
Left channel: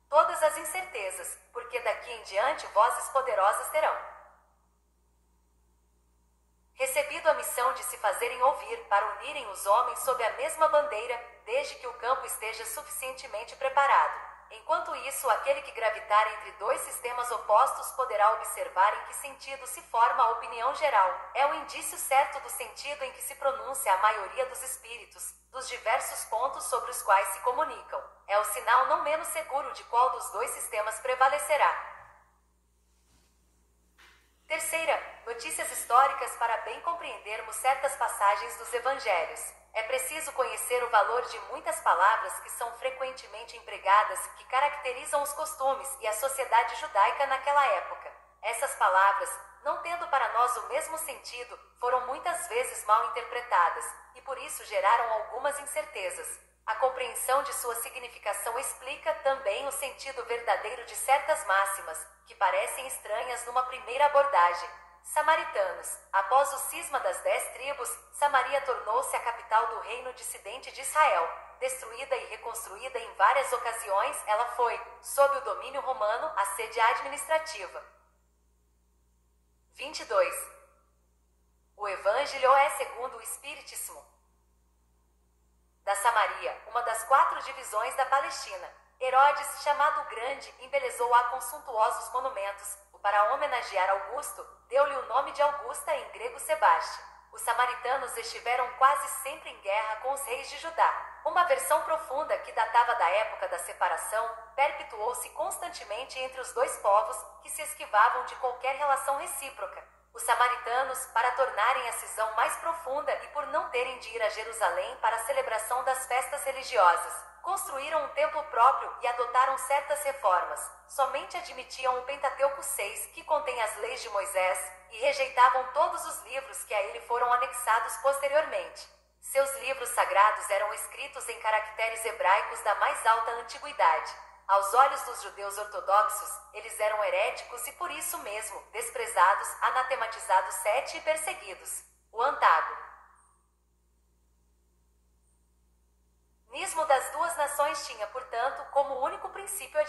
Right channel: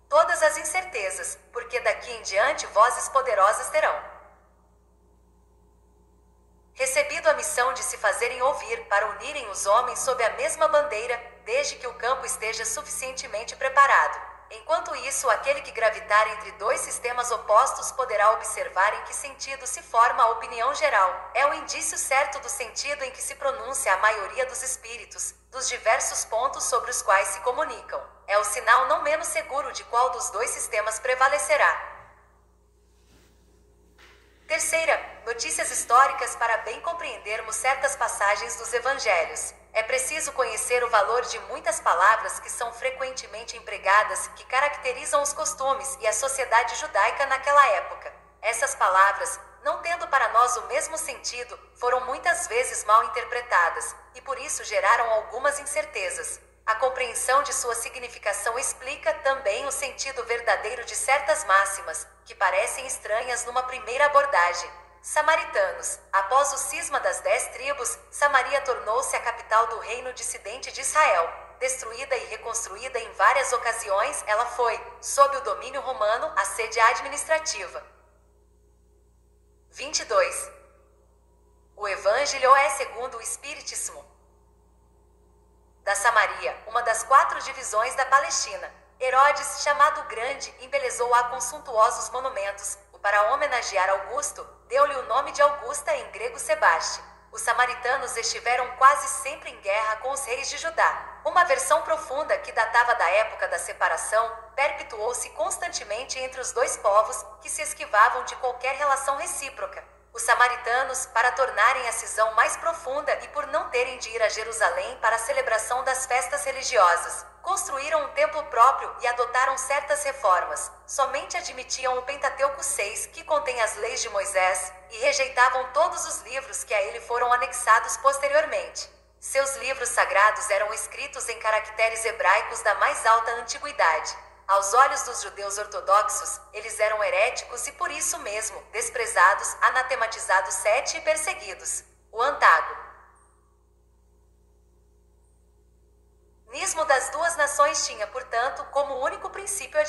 todas as incertezas, porque daqui em diante vozes poderosas terão recebido a missão de se fazerem ouvir para unirem os homens sob a mesma bandeira, desde que o campo esteja suficientemente preparado. Enquanto isso, aquele que gravitar entre dois sistemas opostos poderá observar em que sentido se forma a opinião geral. É o indício certo do sentido em que se pronuncia a maioria dos espíritos, dos diversos pontos sobre os quais se comunicam. É o sinal não menos seguro de qual dos dois sistemas prevalecerá. Terceira, notícias históricas para bem compreendermos certas passagens dos evangelhos. É preciso conhecer o valor de muitas palavras que são frequentemente empregadas, que caracterizam os costumes e a sociedade judaica naquela época. Essas palavras, não tendo para nós o mesmo sentido, foram muitas vezes mal interpretadas, e por isso geraram algumas incertezas. A compreensão de sua significação explica também o sentido verdadeiro de certas máximas, que parecem estranhas numa primeira abordagem. Samaritanos. Após o cisma das 10 tribos, Samaria tornou-se a capital do reino dissidente de Israel. Destruída e reconstruída em várias ocasiões, ela foi, sob o domínio romano, a sede administrativa. 22. O Evangelho é segundo o Espiritismo da Samaria, uma das 4 divisões da Palestina. Herodes, chamado Grande, embelezou-a com suntuosos monumentos. Para homenagear Augusto, deu-lhe o nome de Augusta em grego Sebaste. Os samaritanos estiveram quase sempre em guerra com os reis de Judá. Uma aversão profunda que datava da época da separação, perpetuou-se constantemente entre os dois povos, que se esquivavam de qualquer relação recíproca. Os samaritanos, para tornarem a cisão mais profunda e por não terem de ir a Jerusalém para a celebração das festas religiosas, construíram um templo próprio e adotaram certas reformas. Somente admitiam o Pentateuco 6, que contém as leis de Moisés, e rejeitavam todos os livros que a ele foram anexados posteriormente. Seus livros sagrados eram escritos em caracteres hebraicos da mais alta antiguidade. Aos olhos dos judeus ortodoxos, eles eram heréticos e por isso mesmo, desprezados, anatematizados e perseguidos. O antagonismo das duas nações tinha, portanto, como único princípio a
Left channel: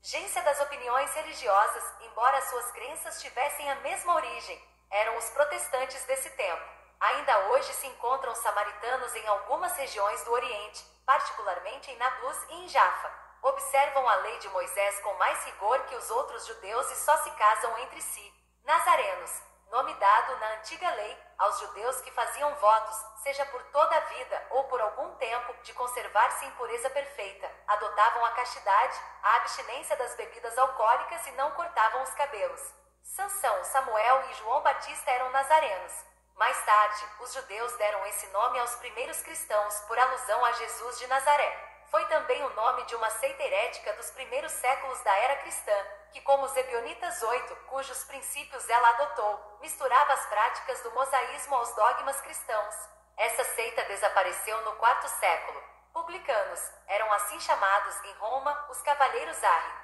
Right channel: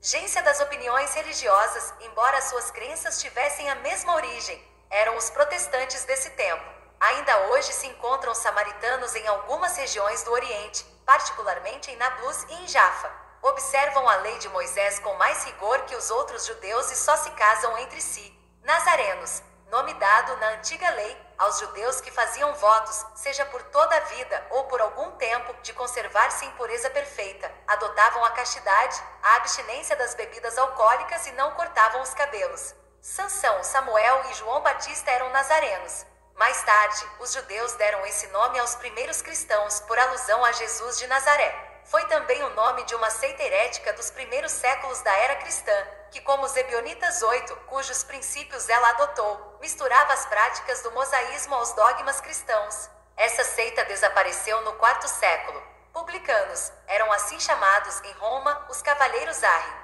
divergência das opiniões religiosas, embora suas crenças tivessem a mesma origem. Eram os protestantes desse tempo. Ainda hoje se encontram samaritanos em algumas regiões do Oriente, particularmente em Nablus e em Jaffa. Observam a lei de Moisés com mais rigor que os outros judeus e só se casam entre si. Nazarenos, nome dado na antiga lei aos judeus que faziam votos, seja por toda a vida ou por algum tempo, de conservar-se em pureza perfeita, adotavam a castidade, a abstinência das bebidas alcoólicas e não cortavam os cabelos. Sansão, Samuel e João Batista eram nazarenos. Mais tarde, os judeus deram esse nome aos primeiros cristãos por alusão a Jesus de Nazaré. Foi também o nome de uma seita herética dos primeiros séculos da era cristã, que, como os Ebionitas 8, cujos princípios ela adotou, misturava as práticas do mosaísmo aos dogmas cristãos. Essa seita desapareceu no quarto século. Publicanos eram assim chamados em Roma os cavalheiros Arri.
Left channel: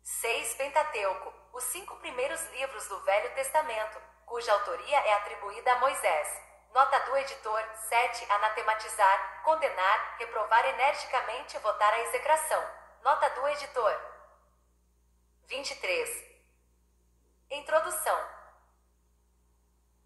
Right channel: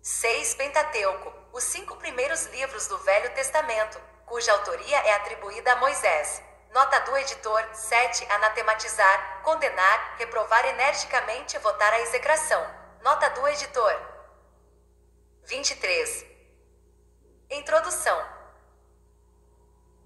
6. Pentateuco, os 5 primeiros livros do Velho Testamento, cuja autoria é atribuída a Moisés. Nota do editor. 7. Anatematizar, condenar, reprovar energicamente e votar a execração. Nota do editor. 23. Introdução.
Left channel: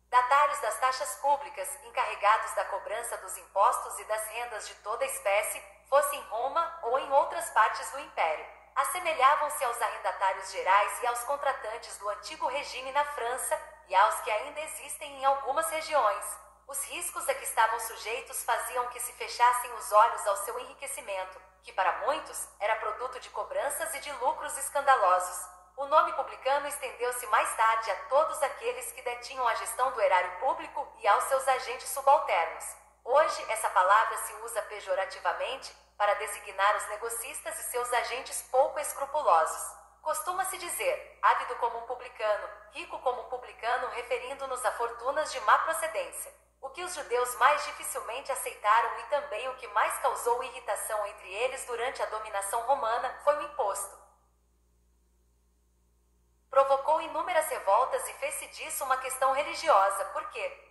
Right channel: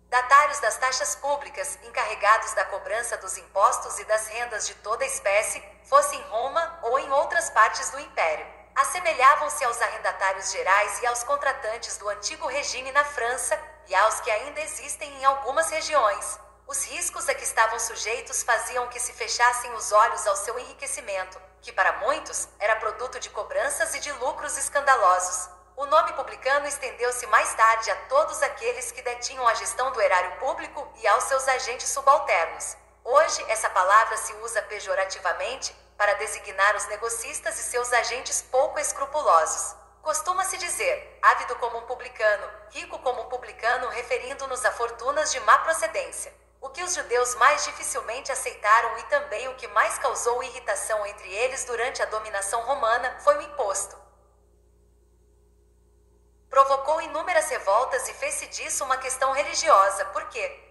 Datários das taxas públicas, encarregados da cobrança dos impostos e das rendas de toda espécie, fosse em Roma ou em outras partes do Império, assemelhavam-se aos arrendatários gerais e aos contratantes do antigo regime na França e aos que ainda existem em algumas regiões. Os riscos a que estavam sujeitos faziam que se fechassem os olhos ao seu enriquecimento, que para muitos era produto de cobranças e de lucros escandalosos. O nome publicano estendeu-se mais tarde a todos aqueles que detinham a gestão do erário público e aos seus agentes subalternos. Hoje, essa palavra se usa pejorativamente para designar os negocistas e seus agentes pouco escrupulosos. Costuma-se dizer, ávido como um publicano, rico como um publicano, referindo-nos a fortunas de má procedência. O que os judeus mais dificilmente aceitaram e também o que mais causou irritação entre eles durante a dominação romana foi o imposto. Provocou inúmeras revoltas e fez-se disso uma questão religiosa, porque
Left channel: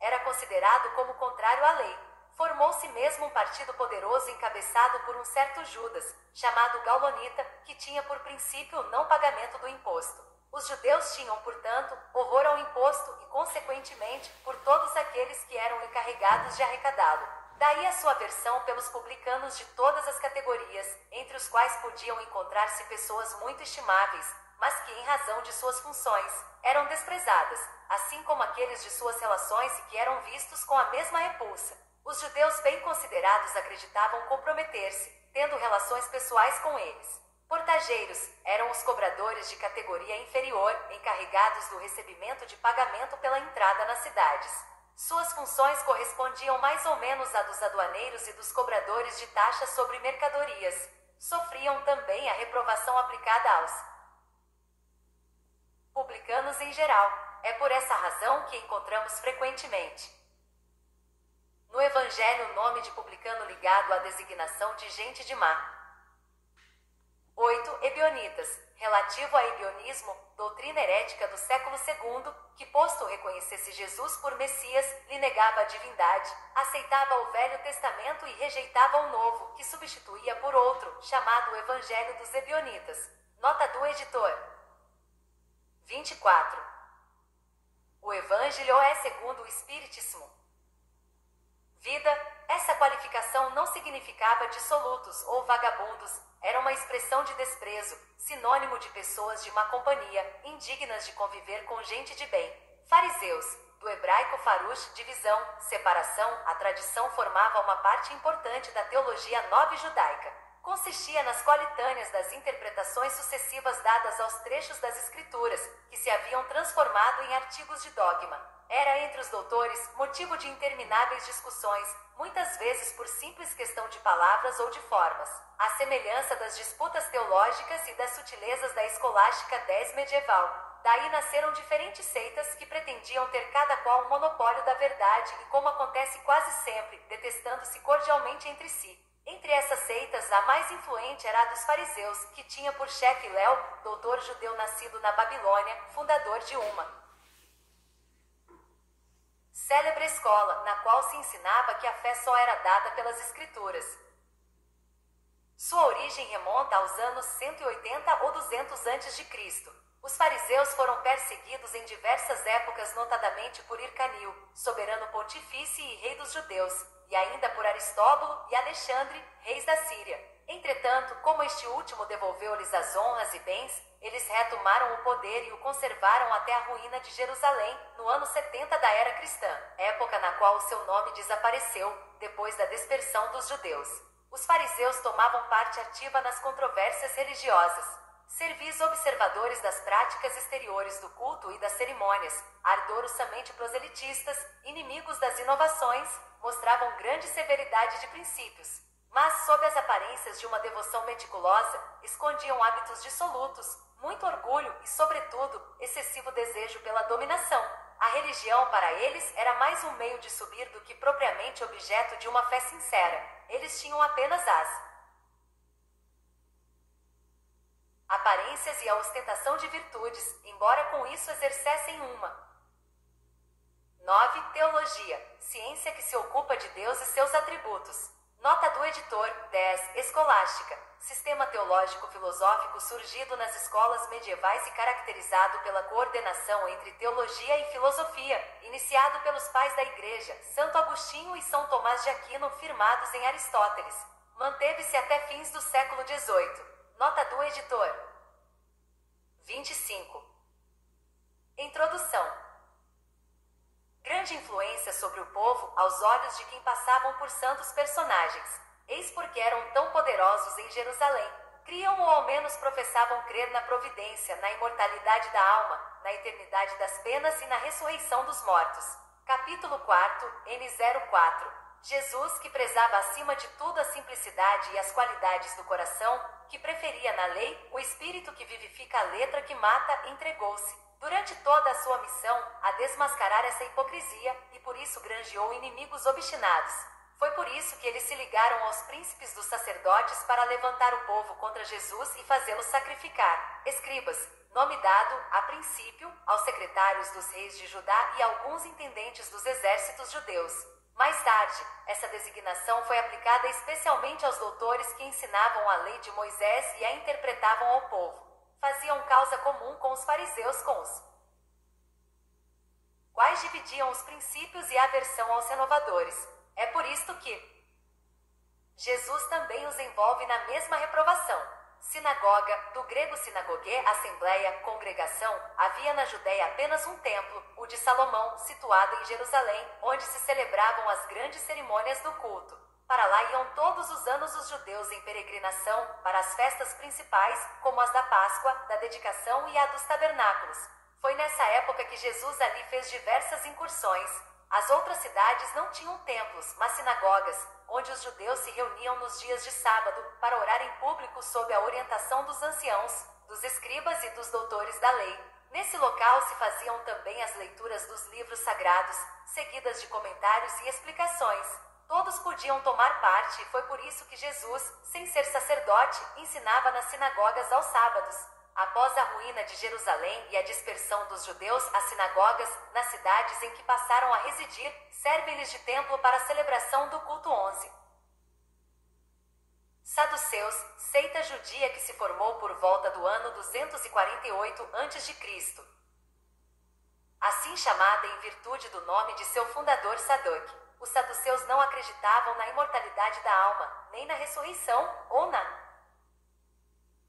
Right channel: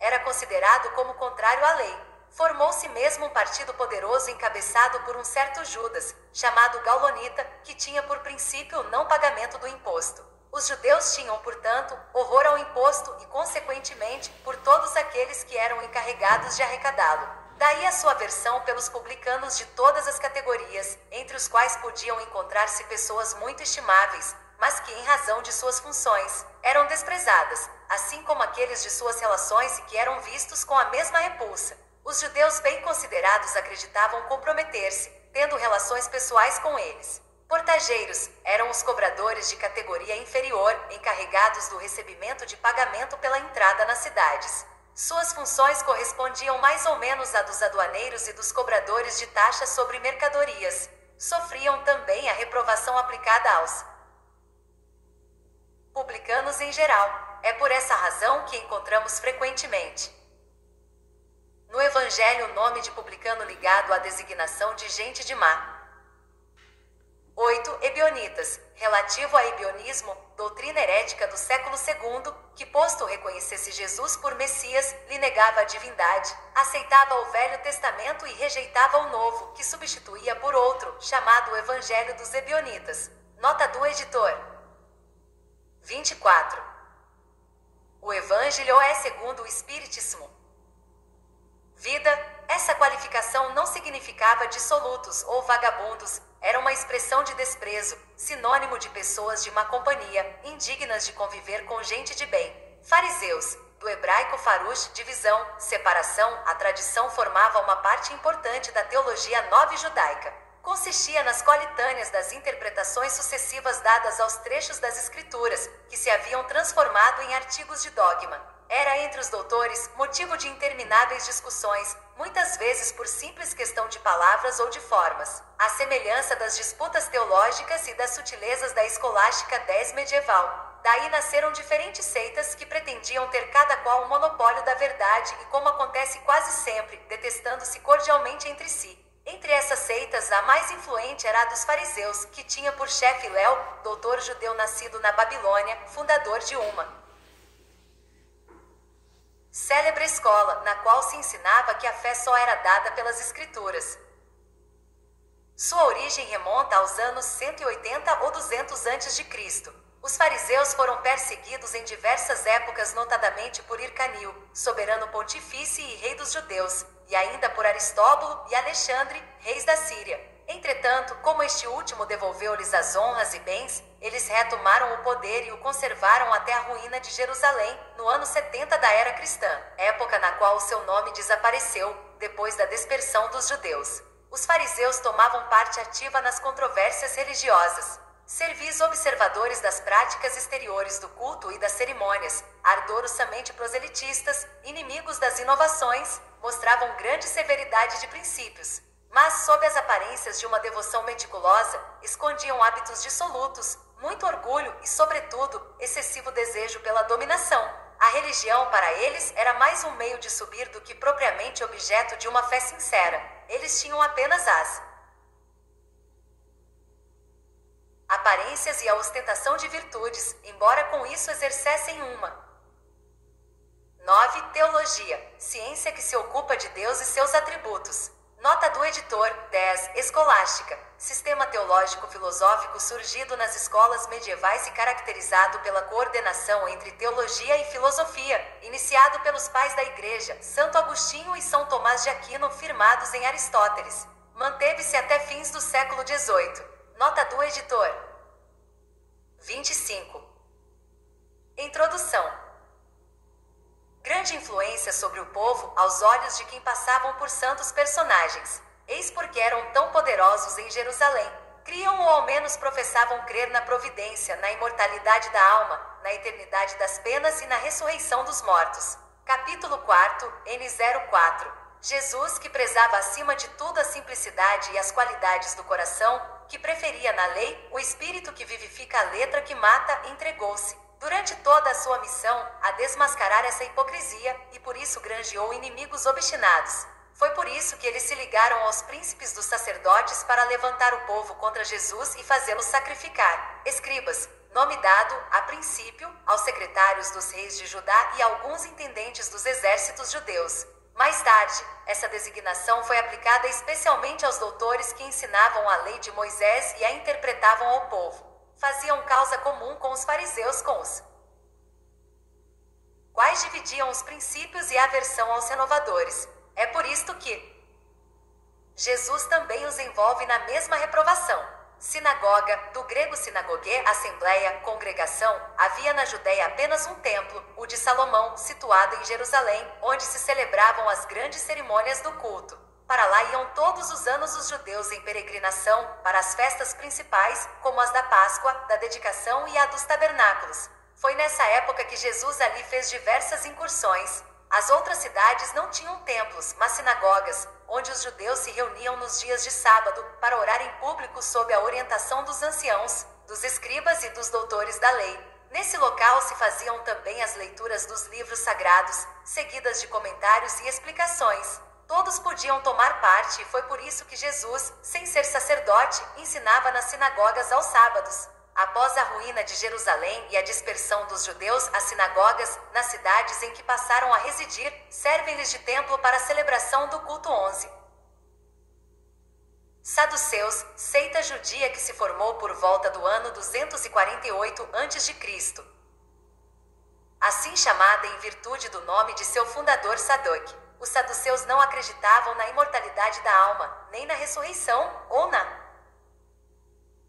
era considerado como contrário à lei. Formou-se mesmo um partido poderoso encabeçado por um certo Judas, chamado Gaulonita, que tinha por princípio o não pagamento do imposto. Os judeus tinham, portanto, horror ao imposto e, consequentemente, por todos aqueles que eram encarregados de arrecadá-lo. Daí a sua aversão pelos publicanos de todas as categorias, entre os quais podiam encontrar-se pessoas muito estimáveis, mas que, em razão de suas funções, eram desprezadas, assim como aqueles de suas relações e que eram vistos com a mesma repulsa. Os judeus bem considerados acreditavam comprometer-se, tendo relações pessoais com eles. Portageiros eram os cobradores de categoria inferior, encarregados do recebimento de pagamento pela entrada nas cidades. Suas funções correspondiam mais ou menos à dos aduaneiros e dos cobradores de taxas sobre mercadorias. Sofriam também a reprovação aplicada aos publicanos em geral. É por essa razão que encontramos frequentemente no Evangelho o nome de publicano ligado à designação de gente de má. 8. Ebionitas, relativo a ebionismo, doutrina herética do século II, que posto reconhecesse Jesus por Messias, lhe negava a divindade, aceitava o Velho Testamento e rejeitava o Novo, que substituía por outro, chamado o Evangelho dos Ebionitas. Nota do editor. 24. O Evangelho é segundo o Espiritismo. Vida, essa qualificação não significava dissolutos ou vagabundos, era uma expressão de desprezo, sinônimo de pessoas de má companhia, indignas de conviver com gente de bem. Fariseus, do hebraico farush, divisão, separação, a tradição formava uma parte importante da teologia nova judaica. Consistia nas coletâneas das interpretações sucessivas dadas aos trechos das Escrituras, que se haviam transformado em artigos de dogma. Era entre os doutores motivo de intermináveis discussões, muitas vezes por simples questão de palavras ou de formas, à semelhança das disputas teológicas e das sutilezas da escolástica medieval. Daí nasceram diferentes seitas que pretendiam ter cada qual um monopólio da verdade e, como acontece quase sempre, detestando-se cordialmente entre si. Entre essas seitas, a mais influente era a dos fariseus, que tinha por chefe Léo, doutor judeu nascido na Babilônia, fundador de uma célebre escola, na qual se ensinava que a fé só era dada pelas Escrituras. Sua origem remonta aos anos 180 ou 200 a.C. Os fariseus foram perseguidos em diversas épocas, notadamente por Hircanio, soberano pontífice e rei dos judeus, e ainda por Aristóbulo e Alexandre, reis da Síria. Entretanto, como este último devolveu-lhes as honras e bens, eles retomaram o poder e o conservaram até a ruína de Jerusalém, no ano 70 da era cristã, época na qual o seu nome desapareceu, depois da dispersão dos judeus. Os fariseus tomavam parte ativa nas controvérsias religiosas. Servis observadores das práticas exteriores do culto e das cerimônias, ardorosamente proselitistas, inimigos das inovações, mostravam grande severidade de princípios, mas, sob as aparências de uma devoção meticulosa, escondiam hábitos dissolutos, muito orgulho e, sobretudo, excessivo desejo pela dominação. A religião, para eles, era mais um meio de subir do que propriamente objeto de uma fé sincera. Eles tinham apenas as aparências e a ostentação de virtudes, embora com isso exercessem uma. 9. Teologia, ciência que se ocupa de Deus e seus atributos. Nota do editor. 10. Escolástica, sistema teológico filosófico surgido nas escolas medievais e caracterizado pela coordenação entre teologia e filosofia, iniciado pelos pais da Igreja, Santo Agostinho e São Tomás de Aquino, firmados em Aristóteles. Manteve-se até fins do século XVIII. Nota do editor. 25. Introdução. Grande influência sobre o povo aos olhos de quem passavam por santos personagens. Eis porque eram tão poderosos em Jerusalém. Criam ou ao menos professavam crer na providência, na imortalidade da alma, na eternidade das penas e na ressurreição dos mortos. Capítulo 4, N04. Jesus, que prezava acima de tudo a simplicidade e as qualidades do coração, que preferia na lei o espírito que vivifica a letra que mata, entregou-se, durante toda a sua missão, a desmascarar essa hipocrisia, e por isso granjeou inimigos obstinados. Foi por isso que eles se ligaram aos príncipes dos sacerdotes para levantar o povo contra Jesus e fazê-lo sacrificar. Escribas, nome dado, a princípio, aos secretários dos reis de Judá e alguns intendentes dos exércitos judeus. Mais tarde, essa designação foi aplicada especialmente aos doutores que ensinavam a lei de Moisés e a interpretavam ao povo. Faziam causa comum com os fariseus, com os quais dividiam os princípios e a aversão aos renovadores. É por isto que Jesus também os envolve na mesma reprovação. Sinagoga, do grego sinagogue, assembleia, congregação, havia na Judéia apenas um templo, o de Salomão, situado em Jerusalém, onde se celebravam as grandes cerimônias do culto. Para lá iam todos os anos os judeus em peregrinação, para as festas principais, como as da Páscoa, da Dedicação e a dos Tabernáculos. Foi nessa época que Jesus ali fez diversas incursões. As outras cidades não tinham templos, mas sinagogas, onde os judeus se reuniam nos dias de sábado, para orar em público sob a orientação dos anciãos, dos escribas e dos doutores da lei. Nesse local se faziam também as leituras dos livros sagrados, seguidas de comentários e explicações. Todos podiam tomar parte e foi por isso que Jesus, sem ser sacerdote, ensinava nas sinagogas aos sábados. Após a ruína de Jerusalém e a dispersão dos judeus, as sinagogas, nas cidades em que passaram a residir, servem-lhes de templo para a celebração do culto 11. Saduceus, seita judia que se formou por volta do ano 248 a.C. Assim chamada em virtude do nome de seu fundador Sadoc. Os saduceus não acreditavam na imortalidade da alma, nem na ressurreição, ou na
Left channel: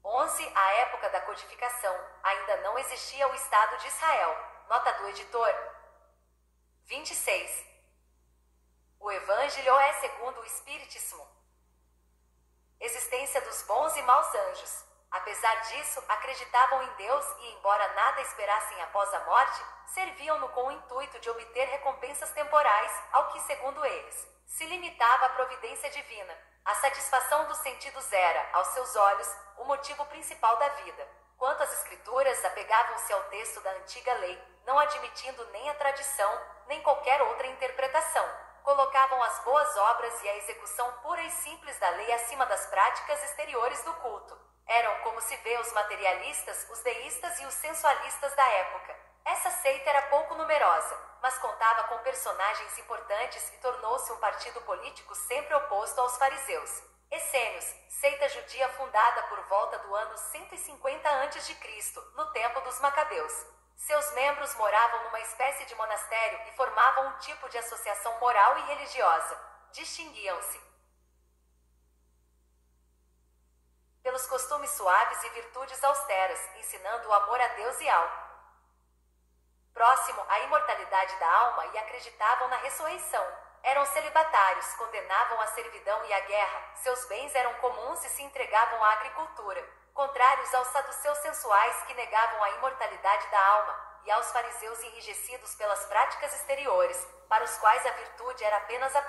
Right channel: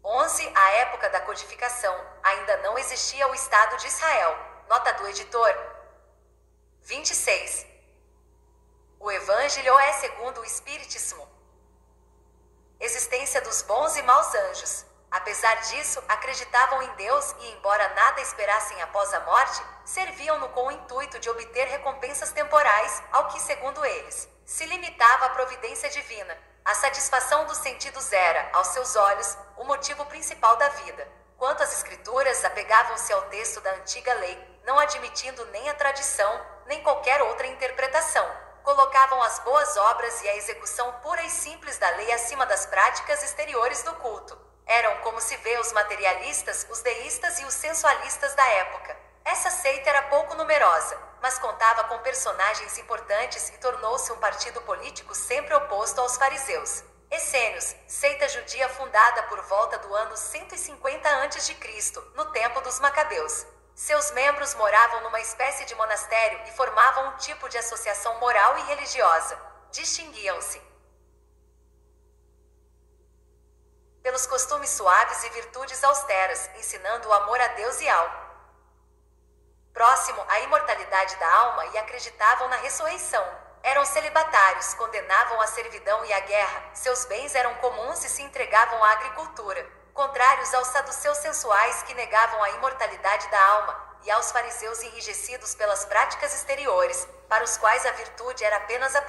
11. A época da codificação, ainda não existia o Estado de Israel. Nota do editor. 26. O Evangelho é segundo o Espiritismo. Existência dos bons e maus anjos. Apesar disso, acreditavam em Deus e, embora nada esperassem após a morte, serviam-no com o intuito de obter recompensas temporais, ao que, segundo eles, se limitava a providência divina. A satisfação dos sentidos era, aos seus olhos, o motivo principal da vida. Quanto às escrituras, apegavam-se ao texto da antiga lei, não admitindo nem a tradição, nem qualquer outra interpretação. Colocavam as boas obras e a execução pura e simples da lei acima das práticas exteriores do culto. Eram, como se vê, os materialistas, os deístas e os sensualistas da época. Essa seita era pouco numerosa, mas contava com personagens importantes e tornou-se um partido político sempre oposto aos fariseus. Essênios, seita judia fundada por volta do ano 150 a.C., no tempo dos Macabeus. Seus membros moravam numa espécie de monastério e formavam um tipo de associação moral e religiosa. Distinguiam-se pelos costumes suaves e virtudes austeras, ensinando o amor a Deus e ao próximo, a imortalidade da alma e acreditavam na ressurreição. Eram celibatários, condenavam a servidão e a guerra, seus bens eram comuns e se entregavam à agricultura. Contrários aos saduceus sensuais que negavam a imortalidade da alma, e aos fariseus enrijecidos pelas práticas exteriores, para os quais a virtude era apenas aparente.